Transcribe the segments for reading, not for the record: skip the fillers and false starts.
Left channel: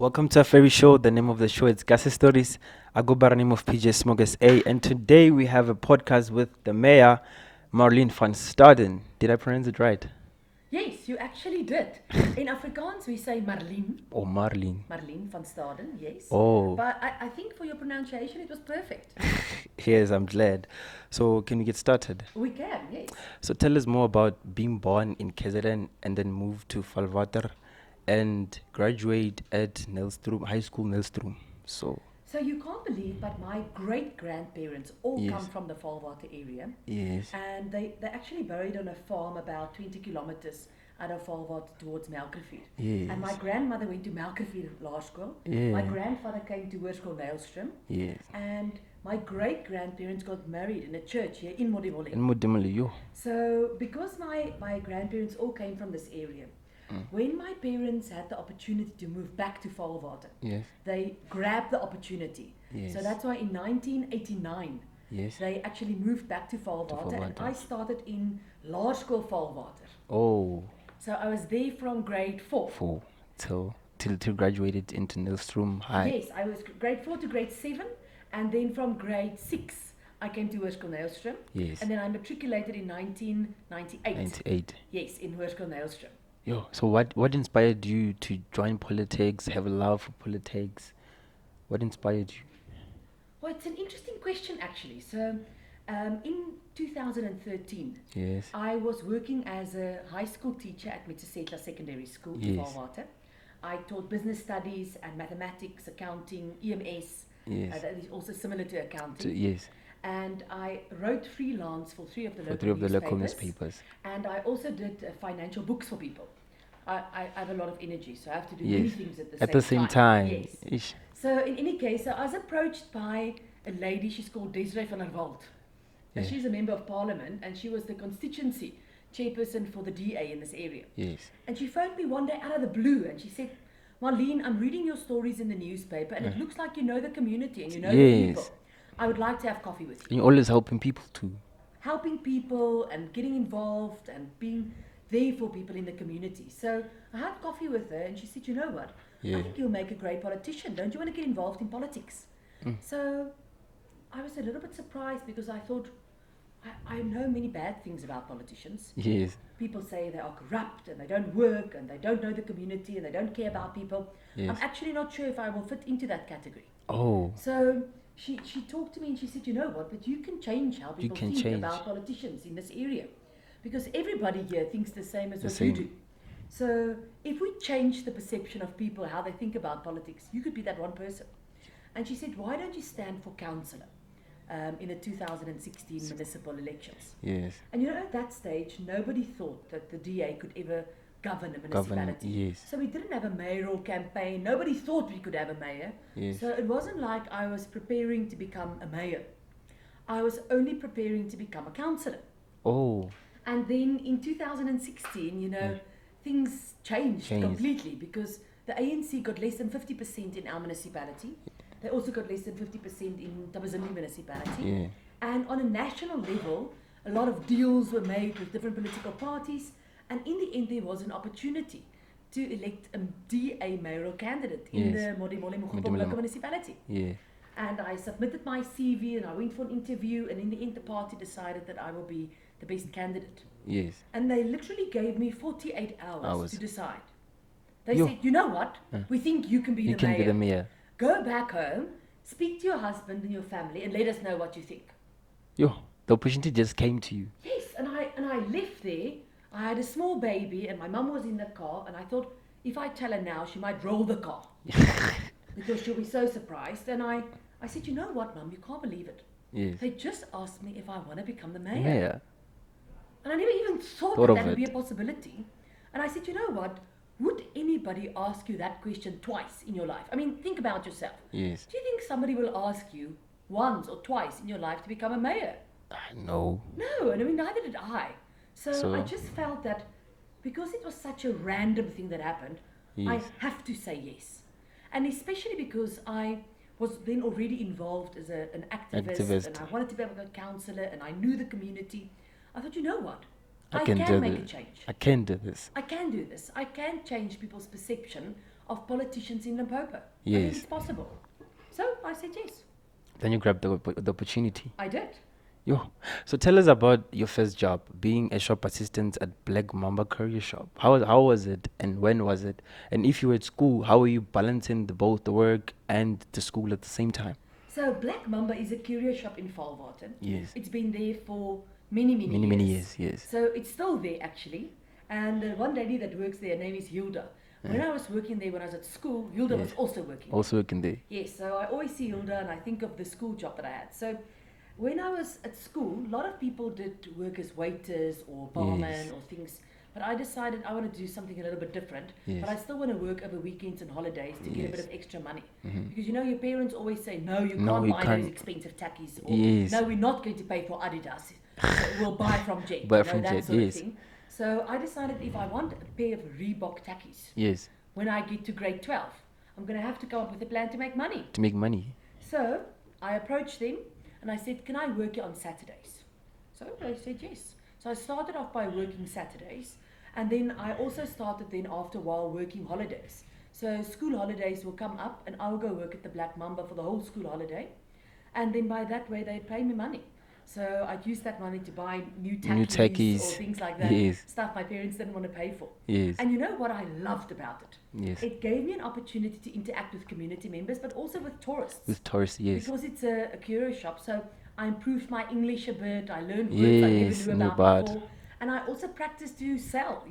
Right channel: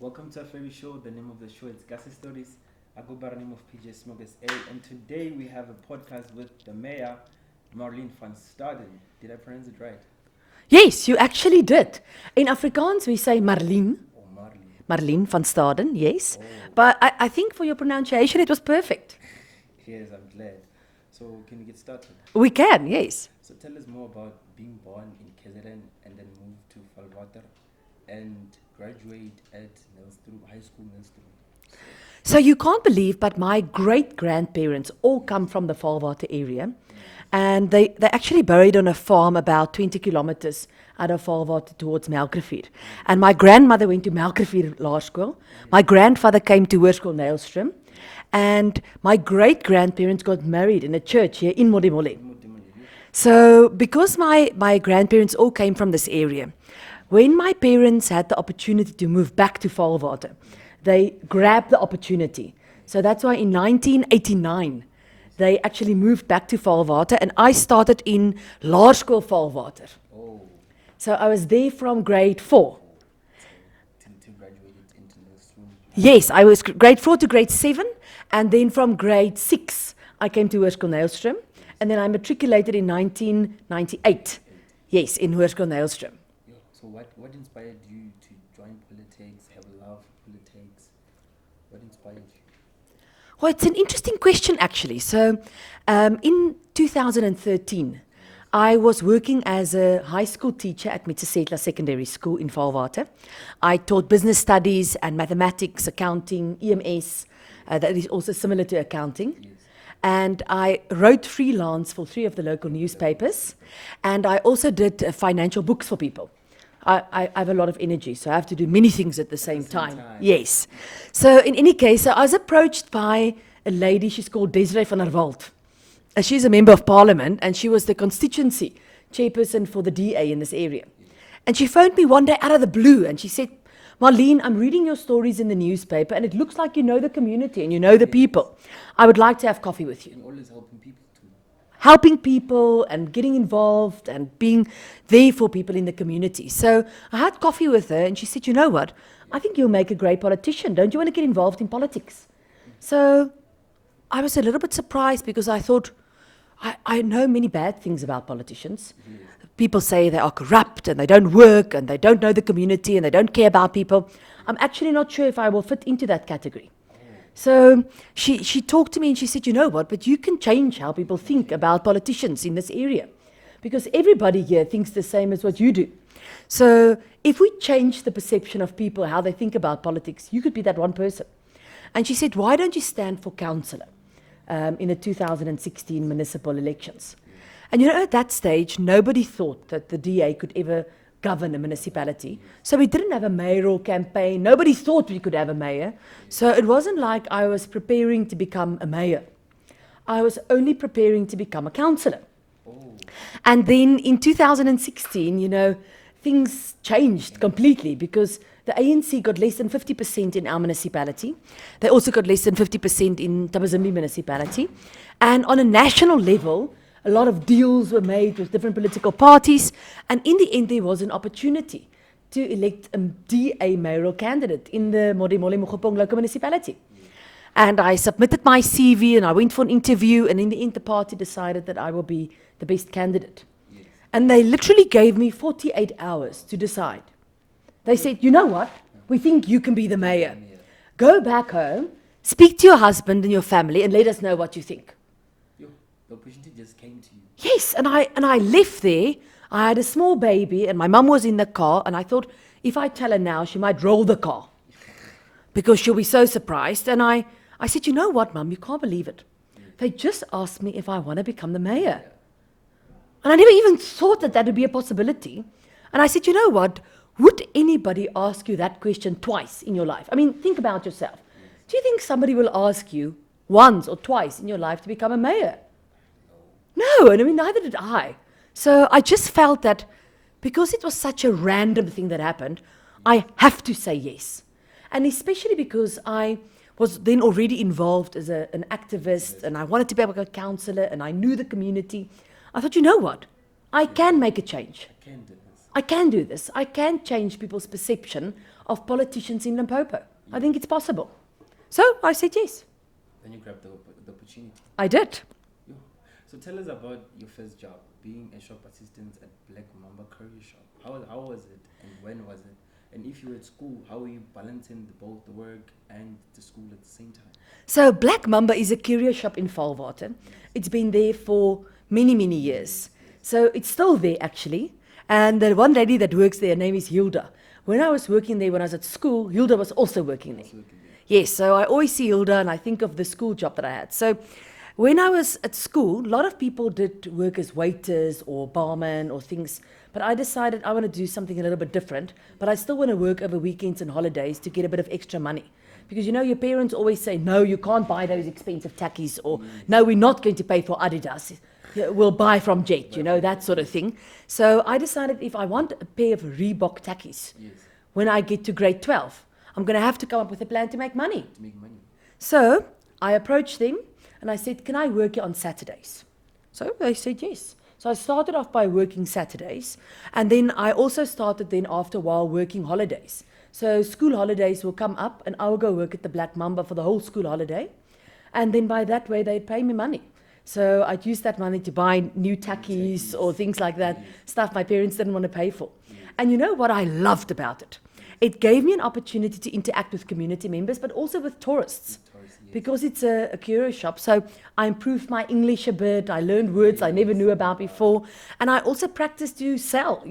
Welcome to our very show. The name of the show is Gase Stories. I go by the name of PJ Smokers A, and today we have a podcast with the mayor, Marlene Van Staden. Did I pronounce it right? Yes, you actually did. In Afrikaans, we say Marlene. Oh, Marlene. Marlene Van Staden, yes. Oh. But I think for your pronunciation, it was perfect. Yes, I'm glad. So, can we get started? We can, yes. So, tell us more about being born in KZN and then move to Valwater and graduate at Nelstroom, High School Nelstroom. So you can't believe, but my great-grandparents all Yes. come from the Valwater area. Yes. And they're actually buried on a farm about 20 kilometers out of Valwater towards Melkrivier. And my grandmother went to Melkrivier Laerskool. My grandfather came to Hoërskool Nylstroom. Yes. And my great-grandparents got married in a church here in Modimolle. In Modimolle, yo. So, because my grandparents all came from this area, when my parents had the opportunity to move back to Valwater, they grabbed the opportunity. So that's why in 1989, they actually moved back to Valwater, and I started in Laerskool Valwater. Oh, So I was there from grade 4. four. So, till graduated into Nelstroom High. Yes, I was grade 4 to grade 7, and then from grade 6, I came to Hoërskool Nylstroom, Yes. and then I matriculated in 1998. 98. Yes, in Hoërskool Nylstroom. Yo, so what inspired you to join politics, have a love for politics? What inspired you? Well, it's an interesting question, actually. So, in 2013, Yes. I was working as a high school teacher at Mitsesetla Secondary School in Yes. Valwater. I taught business studies and mathematics, accounting, EMS. Yes. That is also similar to accounting. Yes. And I wrote freelance for 3 of the local Three of the local newspapers. newspapers. And I also did financial books for people. I have a lot of energy, so I have to do many things at the At same the same time. Yes. Ish. So in any case, I was approached by a lady, she's called Desiree van der Walt. She's a member of parliament, and she was the constituency chairperson for the DA in this area. Yes. And she phoned me one day out of the blue, and she said, Marlene, I'm reading your stories in the newspaper, and it looks like you know the community and you know the Yes. people. I would like to have coffee with you. And you're always helping people too. Helping people and getting involved and being there for people in the community. So I had coffee with her, and she said, you know what, I think you'll make a great politician. Don't you want to get involved in politics? So I was a little bit surprised, because I thought, I know many bad things about politicians. Yes. People say they are corrupt and they don't work and they don't know the community and they don't care about people. I'm actually not sure if I will fit into that category. Oh. So she talked to me and she said, you know what, but you can change how people can think change. about politicians in this area, because everybody here thinks the same as what you do. So if we change the perception of people, how they think about politics, you could be that one person. And she said, why don't you stand for councillor in the 2016 municipal elections? Yes. And you know, at that stage, nobody thought that the DA could ever govern a municipality. yes. So we didn't have a mayoral campaign. Nobody thought we could have a mayor. So it wasn't like I was preparing to become a mayor. I was only preparing to become a councillor. Oh. And then in 2016, you know, things changed completely, because the ANC got less than 50% in our municipality. They also got less than 50% in Tabazimbi municipality. And on a national level, a lot of deals were made with different political parties. And in the end, there was an opportunity to elect a DA mayoral candidate in the Modimolle Mokgopong local municipality. Yeah. And I submitted my CV and I went for an interview, and in the end, the party decided that I will be the best candidate. Yes. And they literally gave me 48 hours to decide. They said, you know what? We think you can be You the can be mayor. the mayor. Go back home, speak to your husband and your family, and let us know what you think. Yo, the opportunity just came to you. Yes, and I left there. I had a small baby, and my mum was in the car, and I thought, if I tell her now, she might roll the car because she'll be so surprised. And I said, you know what, Mum, you can't believe it. Yes. They just asked me if I want to become the mayor. Yeah. And I never even thought that of that would it. be a possibility. And I said, you know what? Would anybody ask you that question twice in your life? I mean, think about yourself. Yes. Do you think somebody will ask you once or twice in your life to become a mayor? No. No, and I mean, neither did I. So I just felt that because it was such a random thing that happened, I have to say yes. And especially because I was then already involved as an activist, and I wanted to be a councillor, and I knew the community. I thought, you know what? I can do make a this. change. I can do this. I can do this. I can change people's perception of politicians in Limpopo. I think Yes. it's possible. So I said yes. Then you grabbed the opportunity. I did. Yo. So tell us about your first job, being a shop assistant at Black Mamba Courier Shop. How was it and when was it? And if you were at school, how were you balancing both the work and the school at the same time? So Black Mamba is a courier shop in Valwater. Yes. It's been there for many, many Many years. yes. So it's still there actually. And the one lady that works there, her name is Hilda. When I was working there when I was at school, Hilda was also working there. Also working there. Yes, so I always see Hilda and I think of the school job that I had. So when I was at school, a lot of people did work as waiters or barman Yes. or things. But I decided I want to do something a little bit different. Yes. But I still want to work over weekends and holidays to get a bit of extra money. Mm-hmm. Because your parents always say, no, you No, can't you buy can't. those expensive tackies. Or Yes. no, we're not going to pay for Adidas. We'll buy from Jet, Buy from that Jet, sort of yes. thing. So I decided if I want a pair of Reebok tackies, Yes. when I get to grade 12, I'm going to have to come up with a plan to make money. To make money. So I approached them and I said, can I work here on Saturdays? So they said yes. So I started off by working Saturdays. And then I also started then after a while working holidays. So school holidays will come up and I will go work at the Black Mamba for the whole school holiday. And then by that way, they'd pay me money. So I'd use that money to buy new tackies or things like that, Yes. stuff my parents didn't want to pay for. Yes. And you know what I loved about it? Yes. It gave me an opportunity to interact with community members, but also with tourists. With tourists, yes. Because it's a courier shop. So I improved my English a bit. I learned words I never Yes, knew no about bad. before. And I also practiced to sell.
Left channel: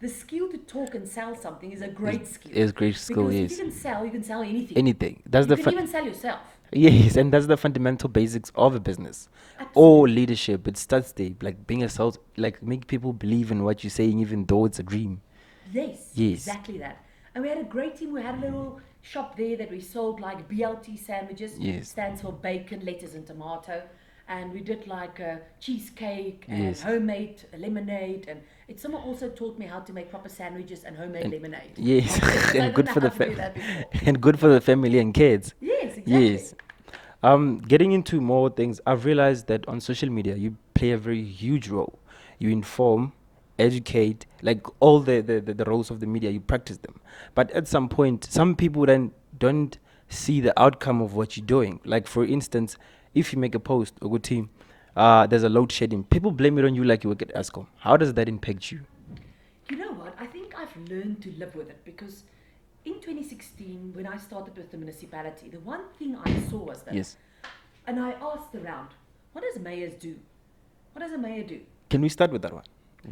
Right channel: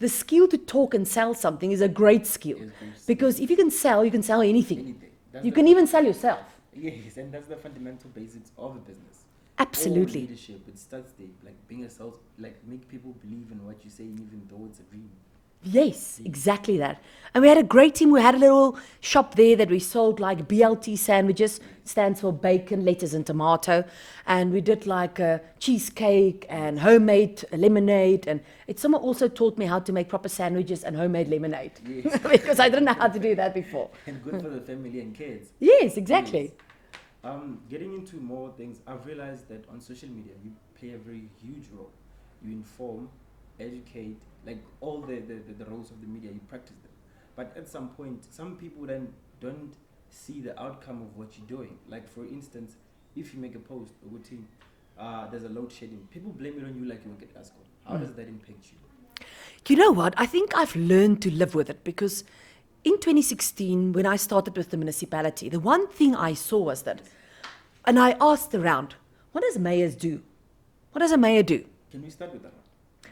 The skill to talk and sell something is a great skill. It's great skill, Because yes. if you can sell anything. Anything. That's You the can even sell yourself. Yes, and that's the fundamental basics of a business. Or Absolutely. leadership. It starts there, like being a sales, like make people believe in what you're saying, even though it's a dream. Yes, Yes. exactly that. And we had a great team. We had a little shop there that we sold like BLT sandwiches. Yes. Stands for bacon, lettuce, and tomato. And we did like a cheesecake and Yes. homemade lemonade. And someone also taught me how to make proper sandwiches and homemade lemonade. Yes. Because I And didn't good know for how the to do that before. And good for the family and kids. Yes, exactly. Yes. Getting into more things, I've realized that on social media, you play a very huge role. You inform, educate, like all the roles of the media, you practice them. But at some point, some people then don't see the outcome of what you're doing. Like, for instance, if you make a post, a good team, there's a load shedding, people blame it on you like you work at ASCOM. How does that impact you? You know what? I think I've learned to live with it because in 2016, when I started with the municipality, the one thing I saw was that, Yes. and I asked around, what does mayors do? What does a mayor do? Can we start with that one?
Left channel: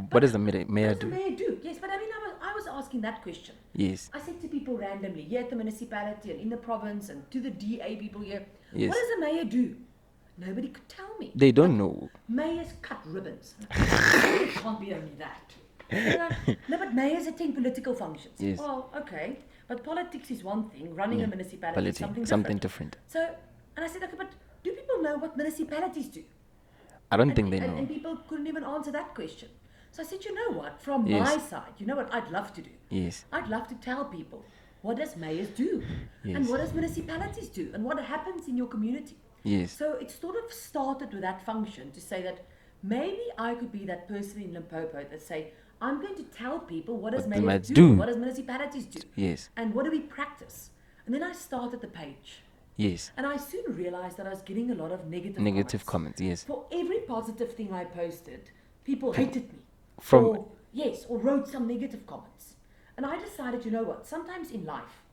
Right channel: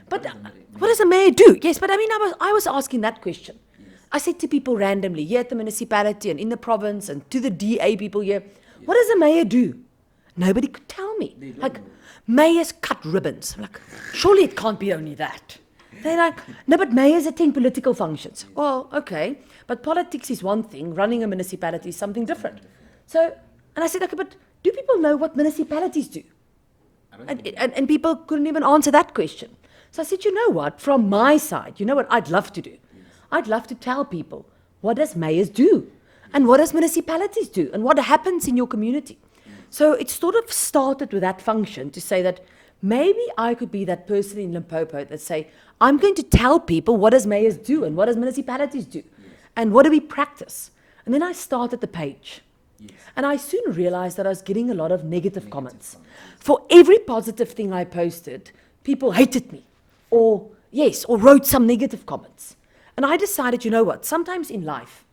But What does the mayor What does a mayor do? Yes, but I mean, I was asking that question. Yes. I said to people randomly here at the municipality and in the province and to the DA people here, Yes. what does a mayor do? Nobody could tell me. They don't Like, know. Mayors cut ribbons. I'm like, surely it can't be only that. They're like, no, but mayors attend political functions. Yes. Well, okay. But politics is one thing. Running a municipality is something different. Something different. So, and I said, okay, but do people know what municipalities do? I don't think they know. And people couldn't even answer that question. So I said, you know what? From my Yes. side, you know what I'd love to do? Yes. I'd love to tell people what does mayors do? Yes. And what does municipalities do? And what happens in your community? Yes. So it sort of started with that function to say that maybe I could be that person in Limpopo that say, I'm going to tell people what does mayors Might do, do. and what does municipalities do? Yes. And what do we practice? And then I started the page. Yes. And I soon realized that I was getting a lot of negative Comments, yes. For every positive thing I posted, people hated me. From- Or wrote some negative comments. And I decided, you know what, sometimes in life,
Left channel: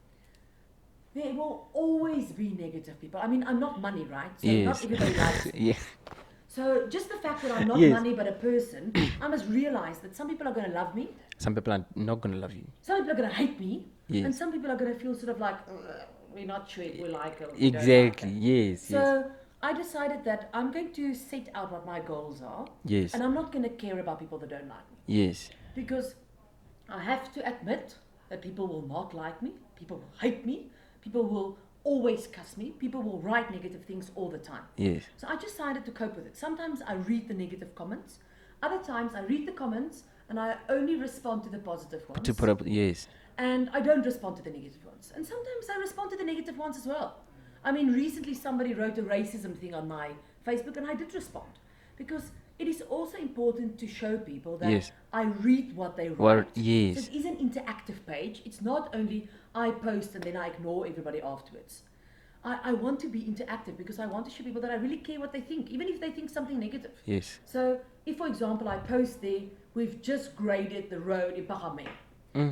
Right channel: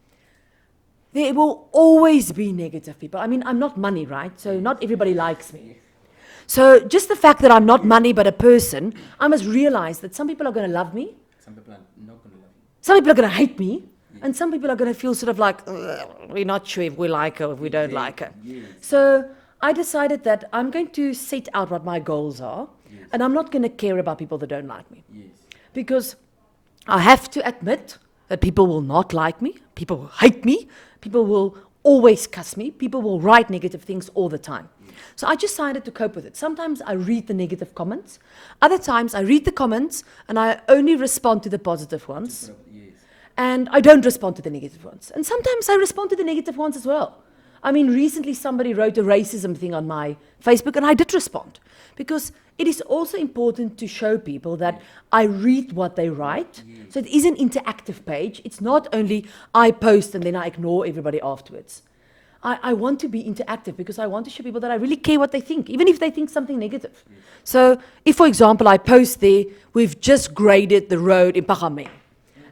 there will always be negative people. I mean, I'm not money, right? So not Yes. everybody likes me. Yeah. So just the fact that I'm not Yes. money but a person, I must realize that some people are going to love me, Some people are not going to love you. some people are going to hate me, Yes. and some people are going to feel sort of like, we're not sure if we like her or if we don't like her. Yes. So I decided that I'm going to set out what my goals are, Yes. and I'm not going to care about people that don't like me. Yes. Because I have to admit that people will not like me, people will hate me, people will always cuss me, people will write negative things all the time. Yes. So I decided to cope with it. Sometimes I read the negative comments, other times I read the comments and I only respond to the positive ones. To put up, yes. And I don't respond to the negative ones. And sometimes I respond to the negative ones as well. I mean, recently somebody wrote a racism thing on my Facebook and I did respond. Because it is also important to show people that Yes. I read what they write. yes. So it is an interactive page. It's not only I post and then I ignore everybody afterwards. I want to be interactive because I want to show people that I really care what they think, even if they think something negative. Yes. So if, for example, I post there, we've just graded the road in Pagame,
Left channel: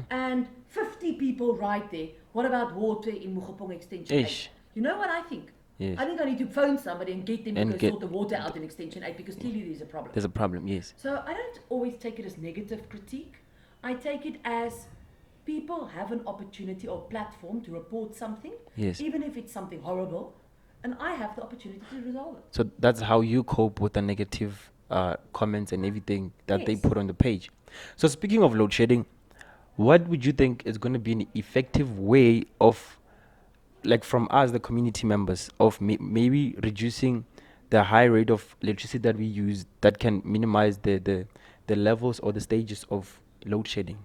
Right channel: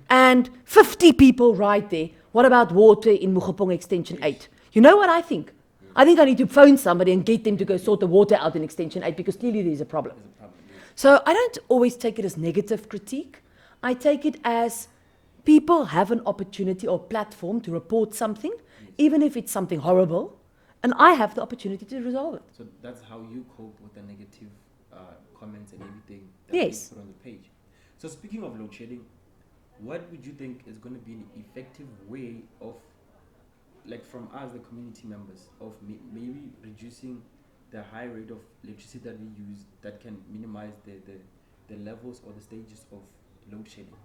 and 50 people write there, what about water in Mugopong Extension Eish. 8? You know what I think? Yes. I think I need to phone somebody and get them to And go get- sort the water out in Extension 8 because clearly there's a problem. There's a problem. Yes. So I don't always take it as negative critique. I take it as people have an opportunity or platform to report something, Yes. even if it's something horrible, and I have the opportunity to resolve it. So that's how you cope with the negative comments and everything that Yes. they put on the page. So speaking of load shedding, what would you think is going to be an effective way of, like from us, the community members, of maybe reducing the high rate of electricity that we use that can minimize the levels or the stages of load shedding?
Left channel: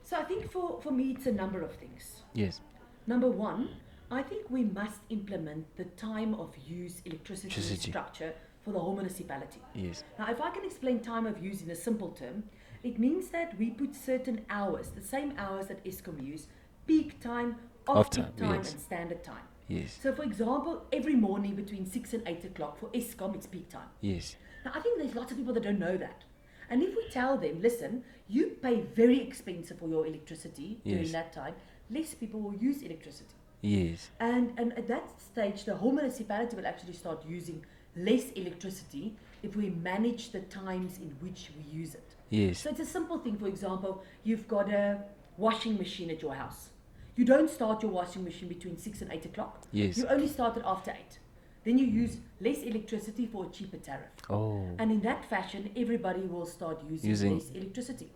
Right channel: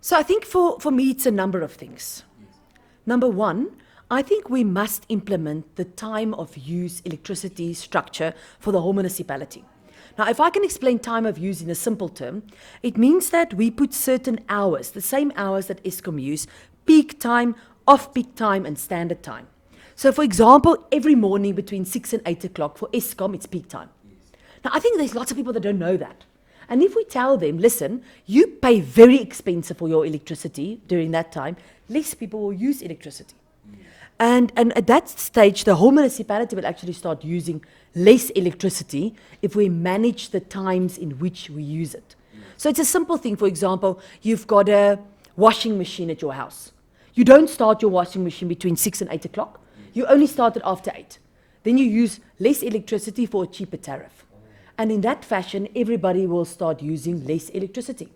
So I think for me, it's a number of things. Yes. Number one, I think we must implement the time of use electricity structure for the whole municipality. Yes. Now, if I can explain time of use in a simple term, it means that we put certain hours, the same hours that Eskom use, peak time, off-peak time, yes. and standard time. Yes. So, for example, every morning between 6 and 8 o'clock for Eskom, it's peak time. Yes. Now, I think there's lots of people that don't know that. And if we tell them, listen, you pay very expensive for your electricity during Yes. that time, less people will use electricity. Yes. And at that stage, the whole municipality will actually start using less electricity if we manage the times in which we use it. Yes. So it's a simple thing. For example, you've got a washing machine at your house. You don't start your washing machine between 6 and 8 o'clock. Yes. You only start it after 8. Then you use less electricity for a cheaper tariff. Oh. And in that fashion, everybody will start using Using- less electricity.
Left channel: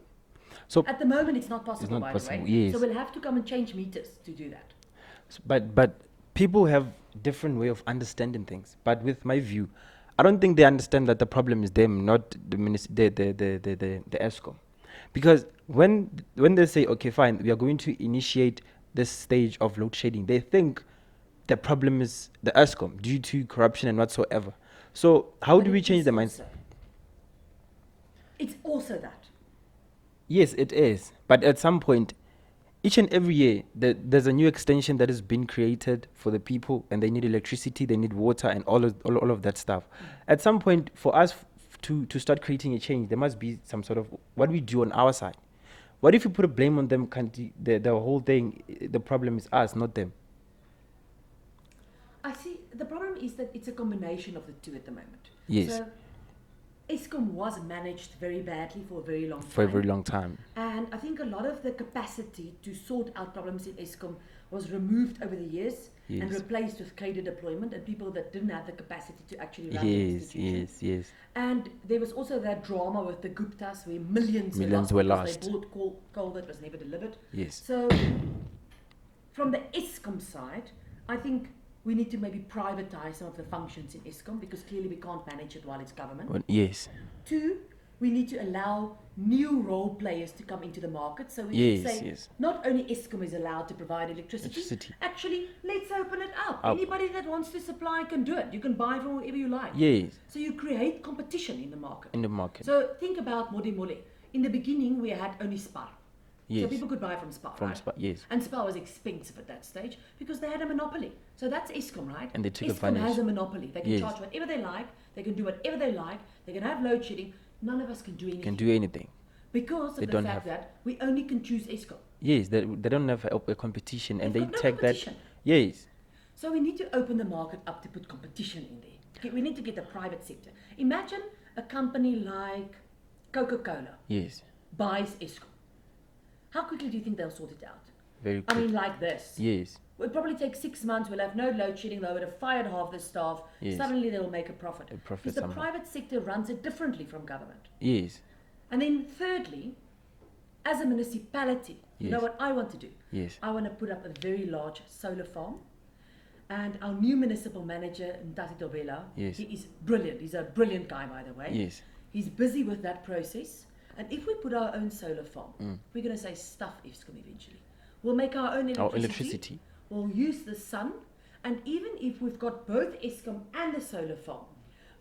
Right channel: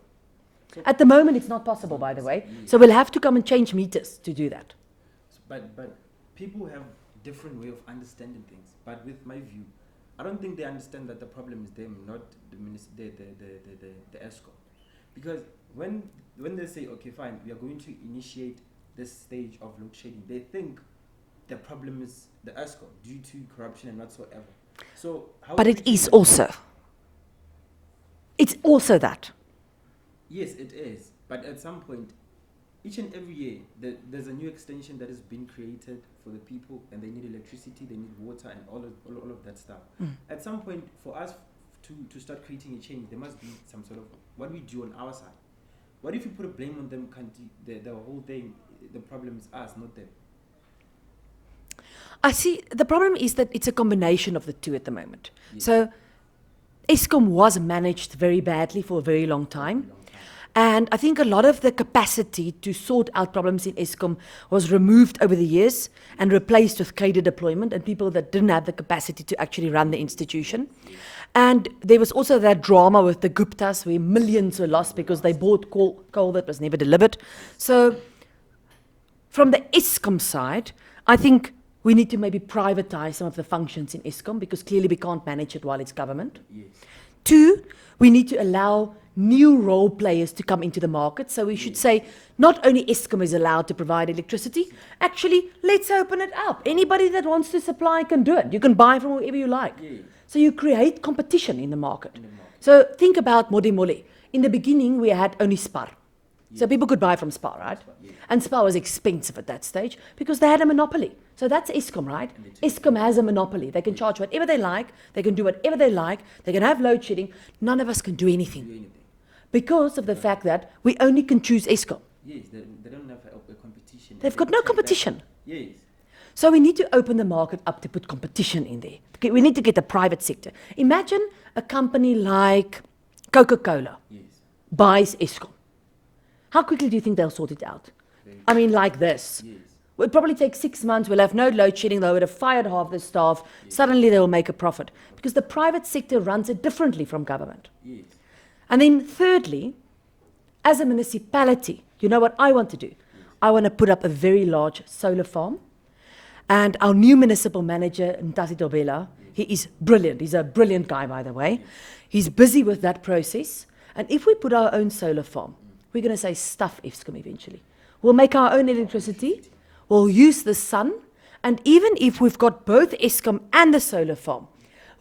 So At the moment, it's not possible, not by the way. possible, yes. So we'll have to come and change meters to do that. But people have different way of understanding things. But with my view, I don't think they understand that the problem is them, not the the ESCOM. Because when they say, okay, fine, we are going to initiate this stage of load shedding, they think the problem is the ESCOM due to corruption and whatsoever. So how But do we it change is the mindset? also. It's also that. Yes, it is. But at some point, each and every year, there's a new extension that has been created for the people, and they need electricity, they need water, and all of that stuff. At some point, for us to start creating a change, there must be some sort of what we do on our side. What if you put a blame on them? The whole thing, the problem is us, not them. I see. The problem is that it's a combination of the two at the moment. Yes. So Eskom was managed very badly for a very long For a time. very long time. And I think a lot of the capacity to sort out problems in Eskom was removed over the years and replaced with cadre deployment and people that didn't have the capacity to actually run the Yes, institution. yes, yes. And there was also that drama with the Guptas where millions were lost were because they lost. bought coal that was never delivered. Yes. So from the Eskom side, I think we need to maybe privatize some of the functions in Eskom because clearly we can't manage it while it's government. Well, yes. Two, we need to allow new role players to come into the market. So we should Yes, say yes. not only Eskom is allowed to provide electricity, Electricity. actually let's open it up. Anybody that wants to supply can do it. You can buy from wherever you like. Yes. So you create competition in the market. In the market. So think about Modemole. In the beginning, we had only Spar. So Yes. people could buy from Spar, From right? Spar, yes. And Spar was expensive at that stage because they had a monopoly. So that's Eskom, right? And they took Eskom advantage. has a monopoly. They can Yes. charge whatever they like. They can do whatever they like. They can have load shedding. None of us can do Can anything do anything. because of They the don't fact that we only can choose Eskom. Yes, they don't have a competition. and They've they got no take that- competition. Yes. So we need to open the market up to put competition in there. Okay, we need to get the private sector. Imagine a company like Coca-Cola Yes. buys Eskom. How quickly do you think they'll sort it out? Very I mean, like this. Yes. It'll probably take 6 months. We'll have no load shedding. They would have fired half the staff. Yes. Suddenly they will make a profit. profit Because the somehow. private sector runs it differently from government. Yes. And then thirdly, as a municipality, you know what I want to do? Yes. I want to put up a very large solar farm. And our new municipal manager, Ntasi Dobela, Yes. he is brilliant. He's a brilliant guy, by the way. Yes. He's busy with that process. And if we put our own solar farm, we're going to say stuff Eskom eventually. We'll make our own electricity. electricity. We'll use the sun. And even if we've got both Eskom and the solar farm,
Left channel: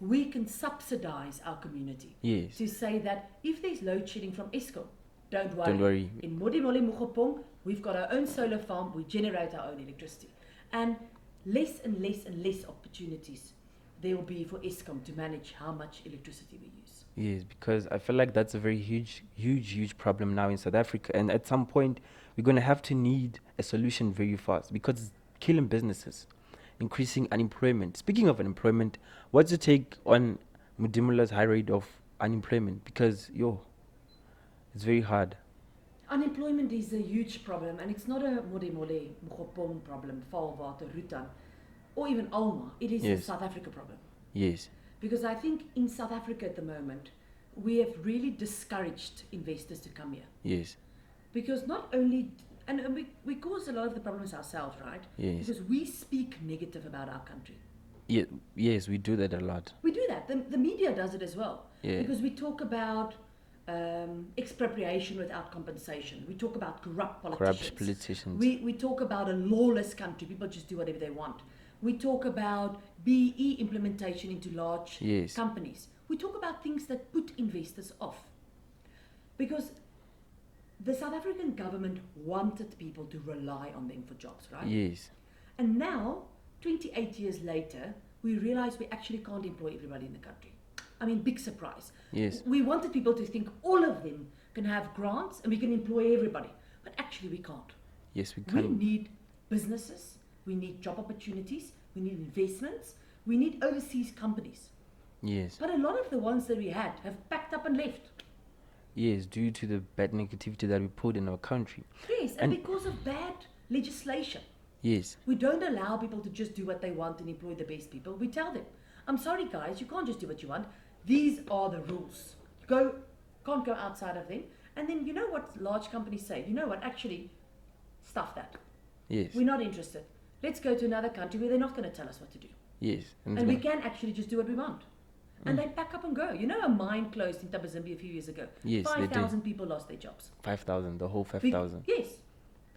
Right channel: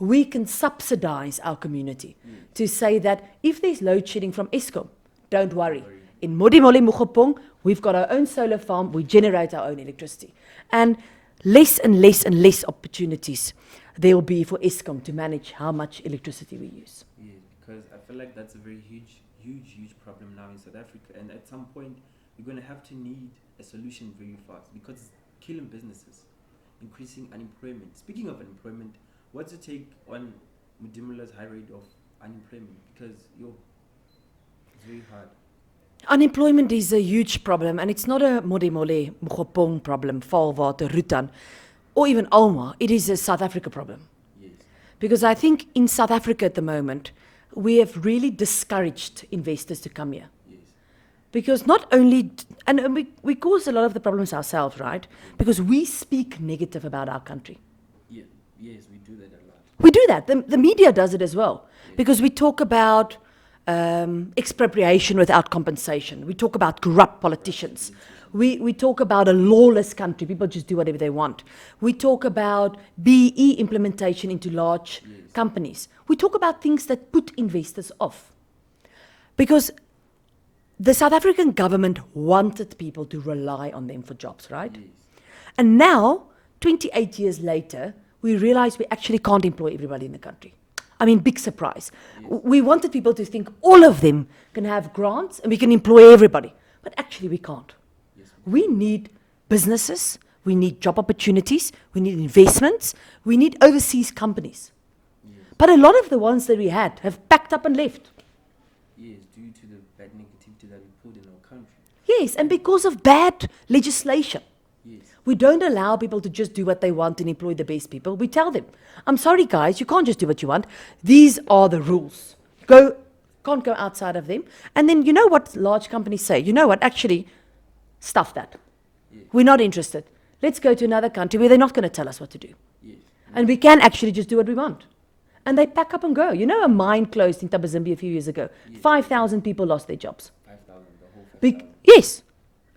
we can subsidize our community. Yes. To say that if there's load shedding from Eskom, don't worry. Don't worry. In Modimolle Mokgopong, we've got our own solar farm, we generate our own electricity. And less and less and less opportunities there will be for Eskom to manage how much electricity we use. Yes, because I feel like that's a very huge problem now in South Africa. And at some point, we're going to have to need a solution very fast because it's killing businesses, increasing unemployment. Speaking of unemployment, what's your take on Mudimula's high rate of unemployment? Because, it's very hard. Unemployment is a huge problem, and it's not a Modimolle Mokgopong problem, Valwater, Rutan, or even Alma. It is a South Africa problem. Yes. Because I think in South Africa at the moment, we have really discouraged investors to come here. Yes. Because not only, and we cause a lot of the problems ourselves, right? Yes. Because we speak negative about our country. Yeah, yes, we do that a lot. We do that. The media does it as well. Yeah. Because we talk about expropriation without compensation. We talk about corrupt politicians. We talk about a lawless country. People just do whatever they want. We talk about BE implementation into large companies. We talk about things that put investors off. Because the South African government wanted people to rely on them for jobs, right? Yes. And now, 28 years later, we realize we actually can't employ everybody in the country. I mean, big surprise. Yes. We wanted people to think all of them can have grants and we can employ everybody. But actually, we can't. Yes, we can. We need businesses, we need job opportunities, we need investments, we need overseas companies. Yes. But a lot of the ones that we had have packed up and left. Yes, due to the bad negativity that we put in our country. Yes, and because of bad legislation. Yes. We don't allow people to just do what they want and employ the best people. We tell them, I'm sorry guys, you can't just do what you want. These are the rules. Can't go outside of them. And then you know what large companies say? You know what, actually, stuff that. Yes. We're not interested. Let's go to another country where they're not going to tell us what to do. Yes. And we can actually just do what we want. And they pack up and go. You know, a mine closed in Tabazimbi a few years ago. Yes, 5,000 people lost their jobs. 5,000, the whole 5,000. Yes.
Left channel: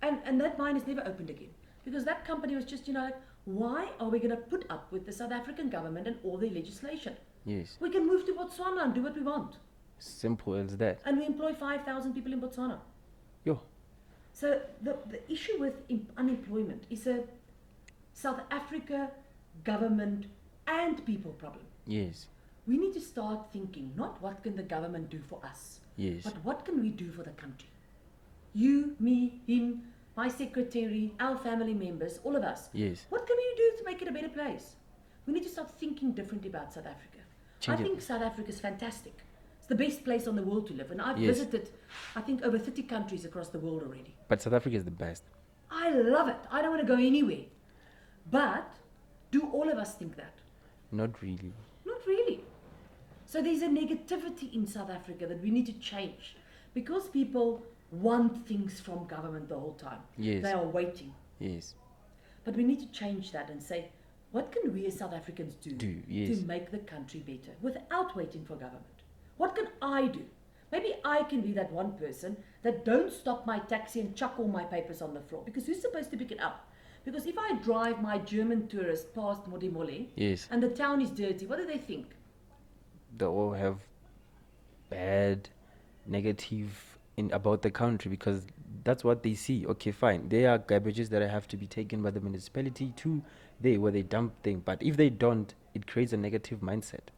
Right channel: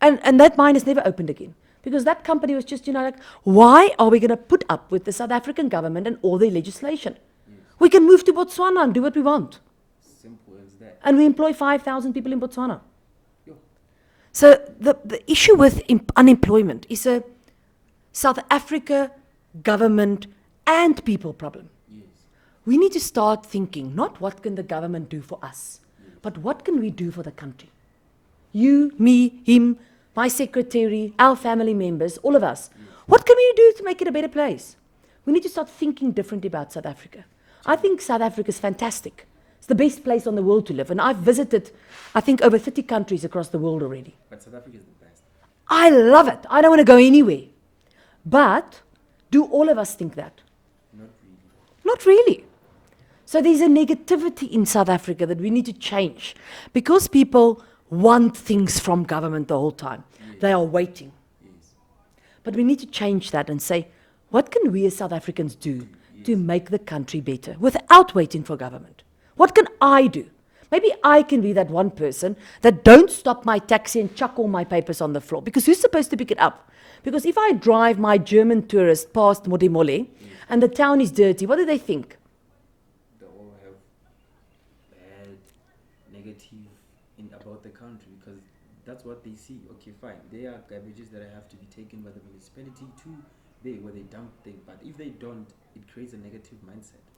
And that mine has never opened again. Because that company was just, like, why are we going to put up with the South African government and all their legislation? Yes. We can move to Botswana and do what we want. Simple as that. And we employ 5,000 people in Botswana. Yo. So the issue with unemployment is a South Africa government and people problem. Yes. We need to start thinking, not what can the government do for us, Yes. but what can we do for the country? You, me, him, my secretary, our family members, all of us. Yes. What can we do to make it a better place? We need to start thinking differently about South Africa. I think South Africa is fantastic. It's the best place on the world to live. And I've visited, I think, over 30 countries across the world already. But South Africa is the best. I love it. I don't want to go anywhere. But do all of us think that? Not really. Not really. So there's a negativity in South Africa that we need to change because people want things from government the whole time. Yes. They are waiting. Yes. But we need to change that and say, what can we as South Africans do yes. to make the country better without waiting for government? What can I do? Maybe I can be that one person that don't stop my taxi and chuck all my papers on the floor. Because who's supposed to pick it up? Because if I drive my German tourist past Modimolle Yes. and the town is dirty, what do they think? They all have bad, negative about the country because that's what they see. Okay, fine. There are garbages that have to be taken by the municipality to there where they dump things. But if they don't, it creates a negative mindset.